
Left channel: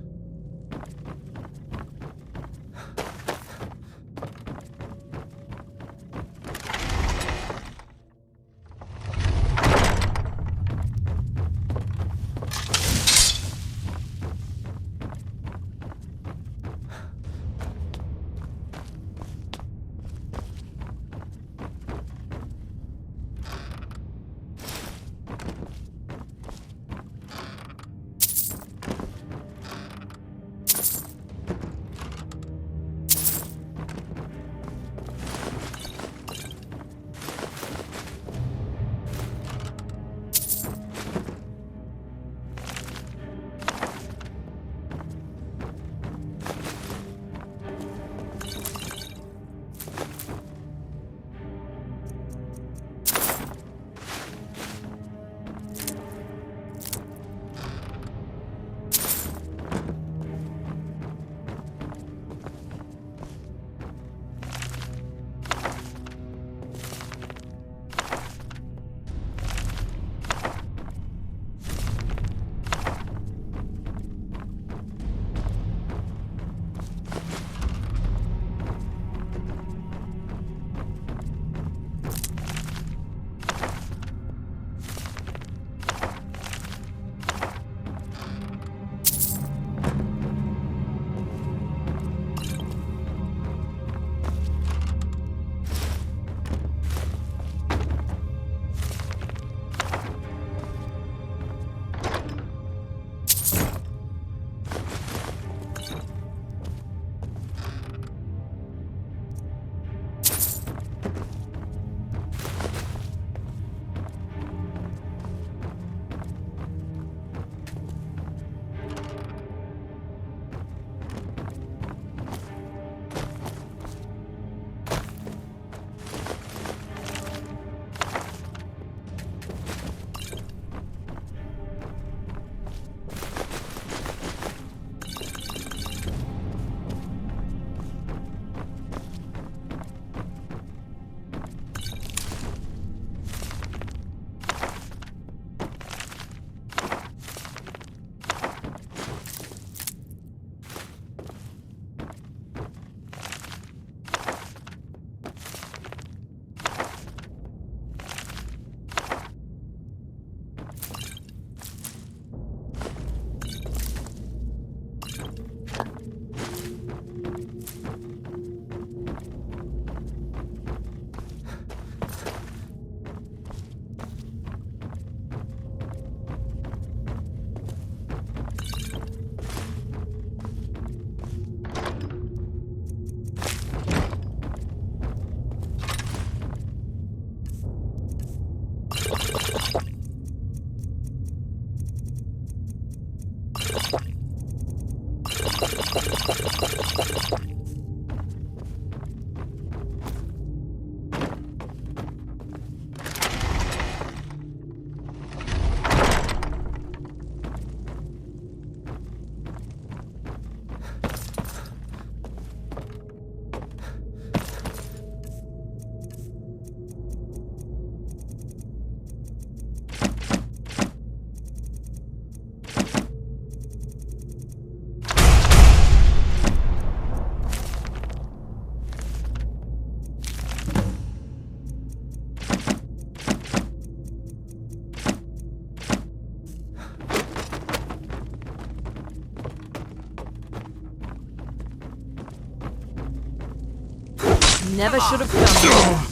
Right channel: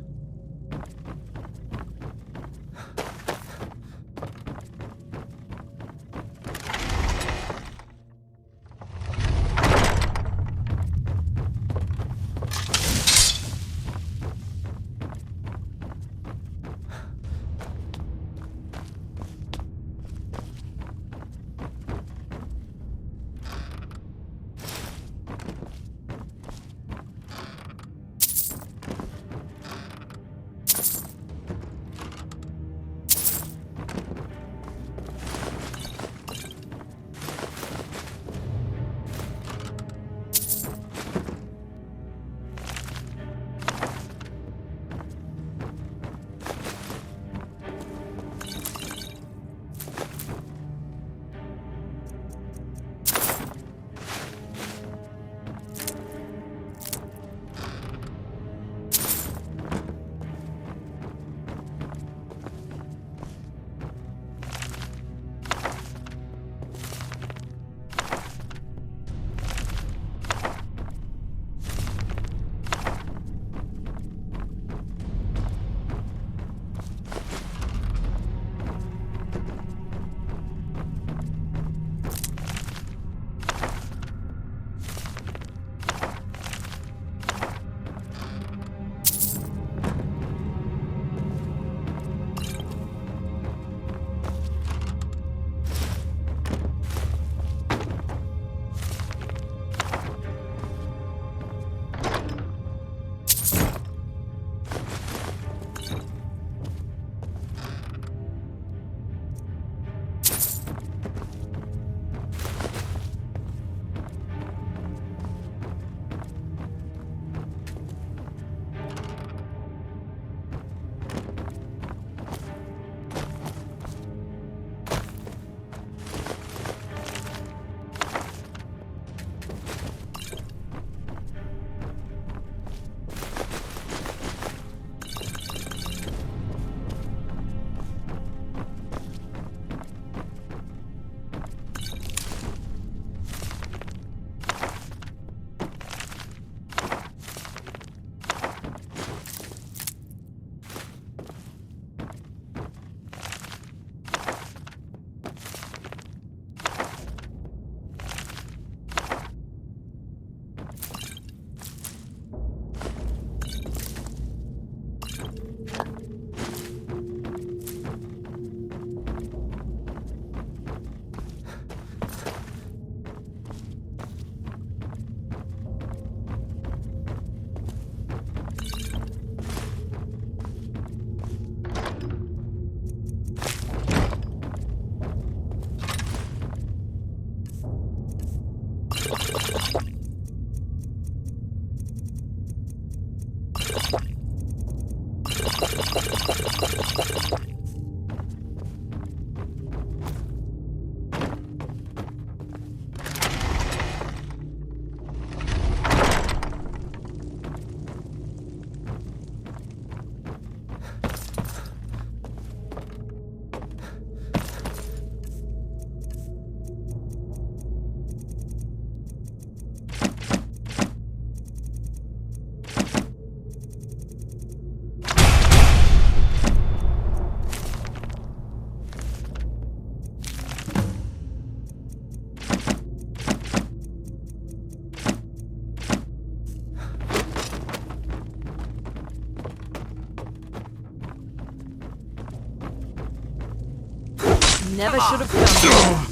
Never should have come.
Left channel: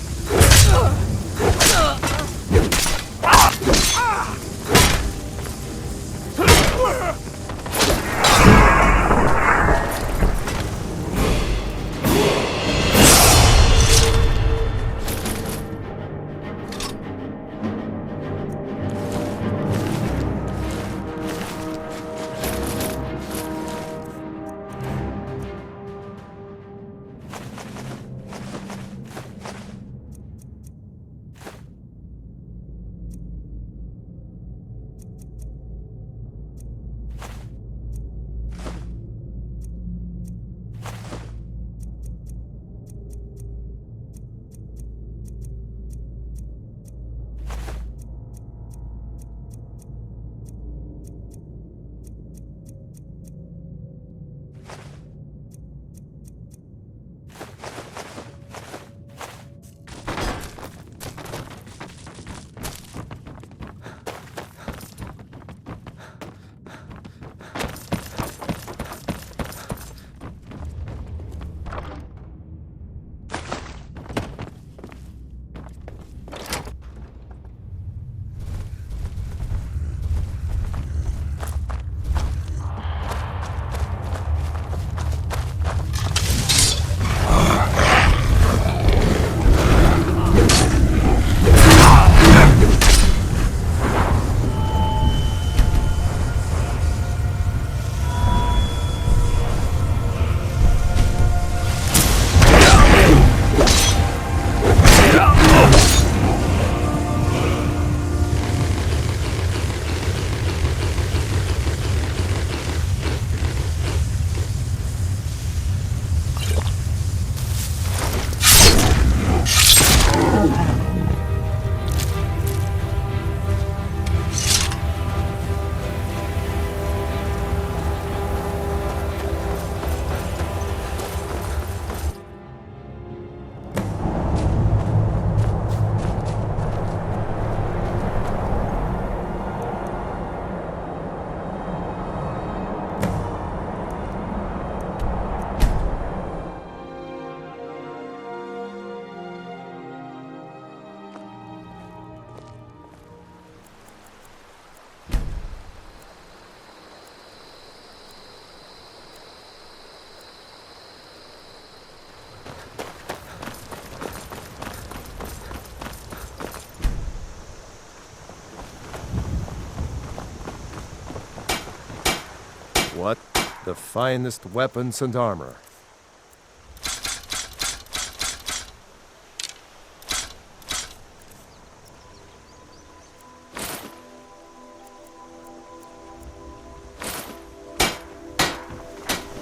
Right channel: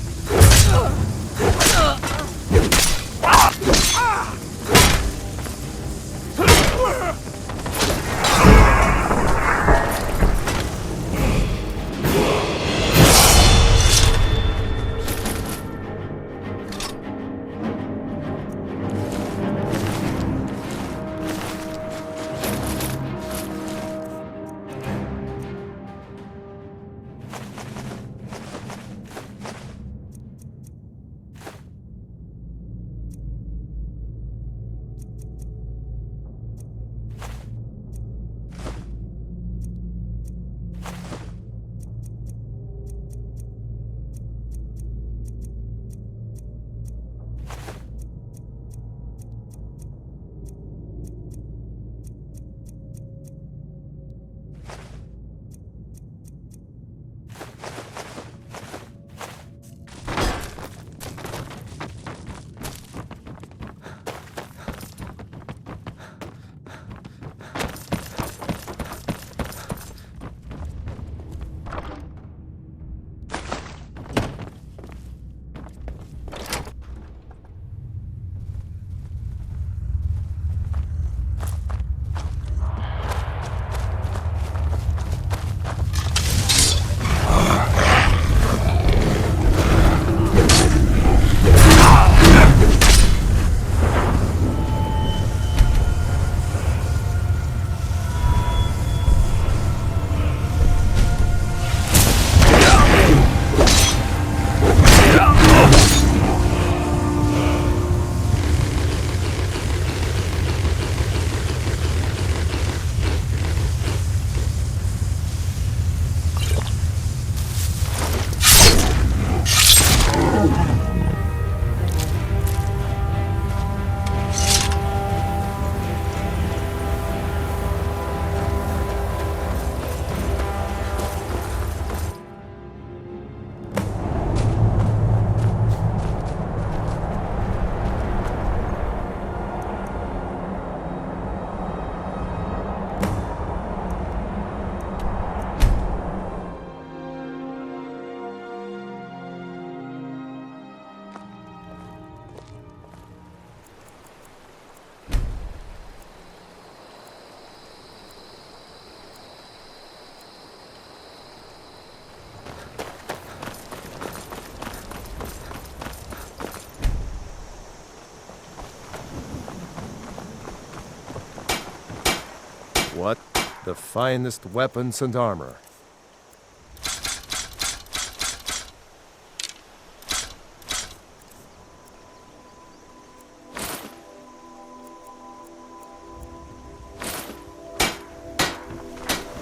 What? The finest weapons and armor.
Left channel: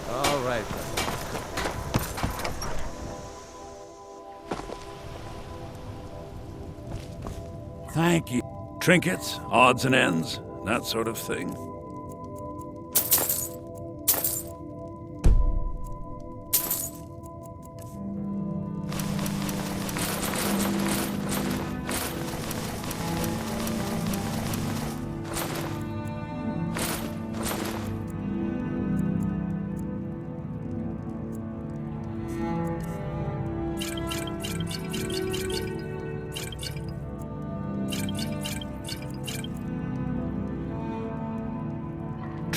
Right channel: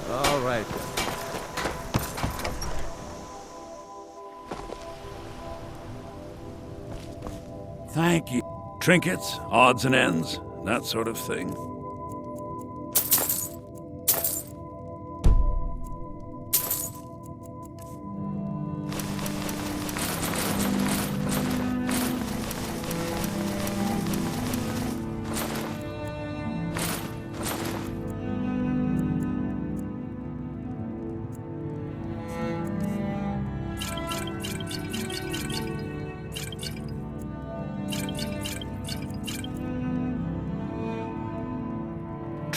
All right, then. Thank you. Trinkets, odds and ends, that sort of thing.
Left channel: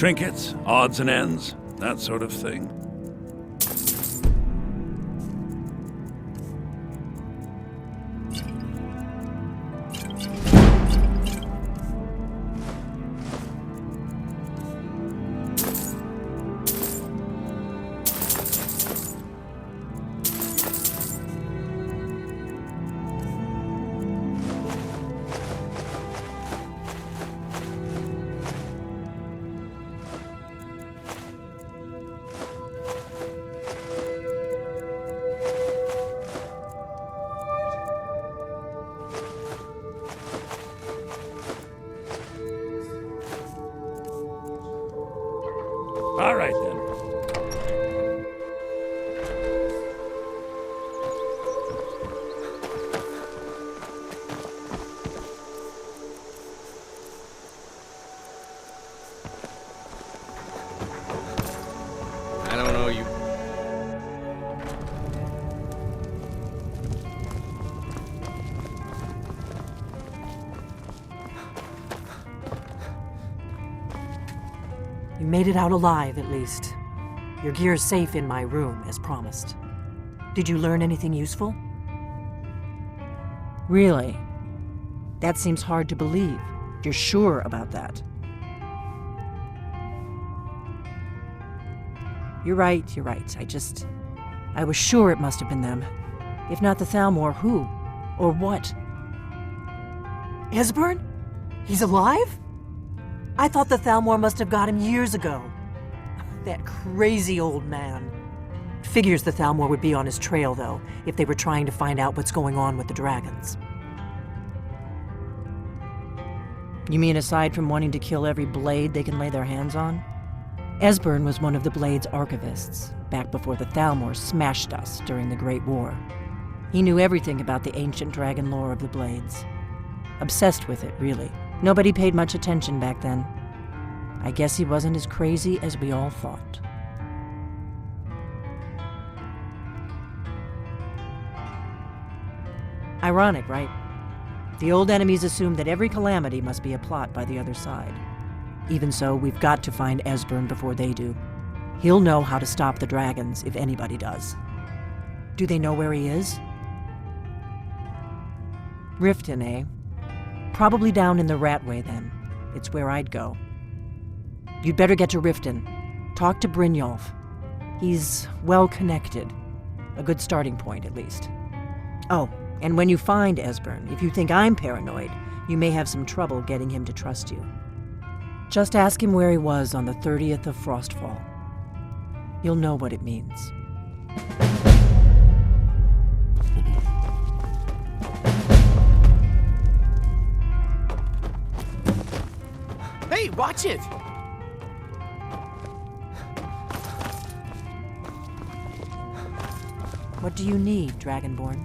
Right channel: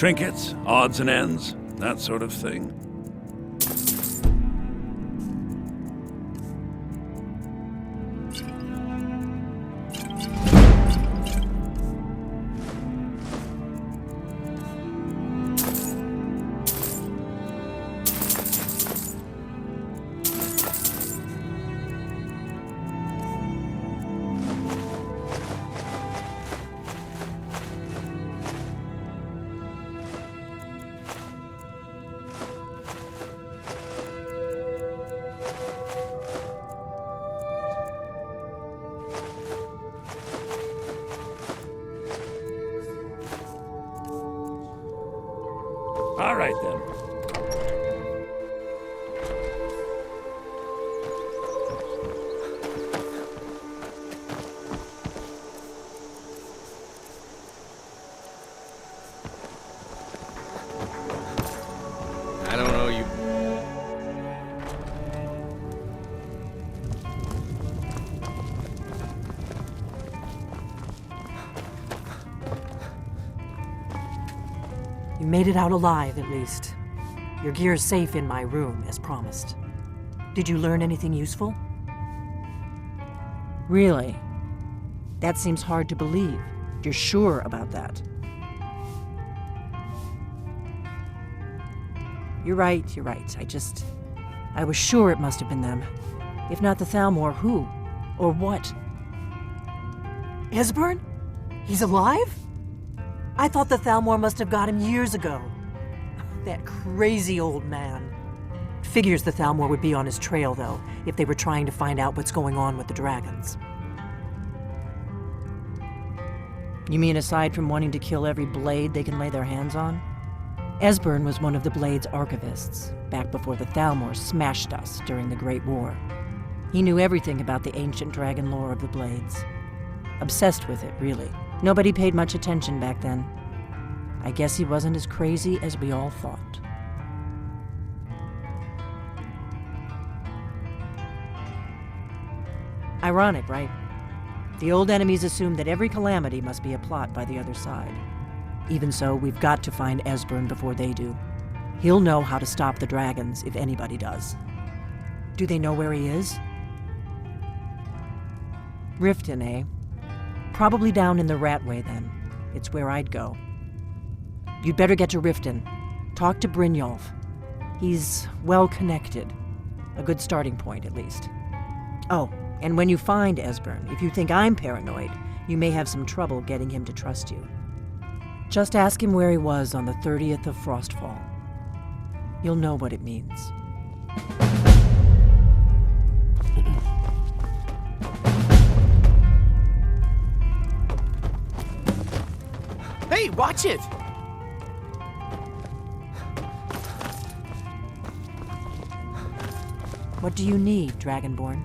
Trinkets, odds and ends, that sort of thing. You made it out alive, at least. Your gear's safe in my room, as promised. Did you learn anything useful? Really? That seems hard to believe. You're sure about that? You're right. I was sure it must have been them. If not the Thalmor, who? Or what? Esbern? He's alive? I thought the Thalmor must have got him years ago. That crazy old man. Figures the Thalmor would be on his trail, though, if they were trying to find out what's going on with the dragons. You mean aside from wanting to kill every blade they can lay their hands on? Esbern was one of the Blade's archivists, back before the Thalmor smashed us during the Great War. He knew everything about the ancient dragon lore of the Blades. Obsessed with it, really. Nobody paid much attention back then. I guess he wasn't as crazy as we all thought. Ironic, right? The old enemies assumed that every calamity must be a plot by the other side. Even so, we've got to find Esbern before they do. He'll know how to stop the dragons, if anybody does. Do they know where he is? Riften, eh? Probably down in the Ratway, then. It's where I'd go. You'd better get to Riften. Talk to Brynjolf. He's well-connected. A good starting point, at least. Oh, and when you find Esbern, if you think I'm paranoid, you may have some trouble getting him to trust you. Just ask him where he was on the 30th of Frostfall. You'll know what it means. Hey, watch it! What do you need, Dragonborn?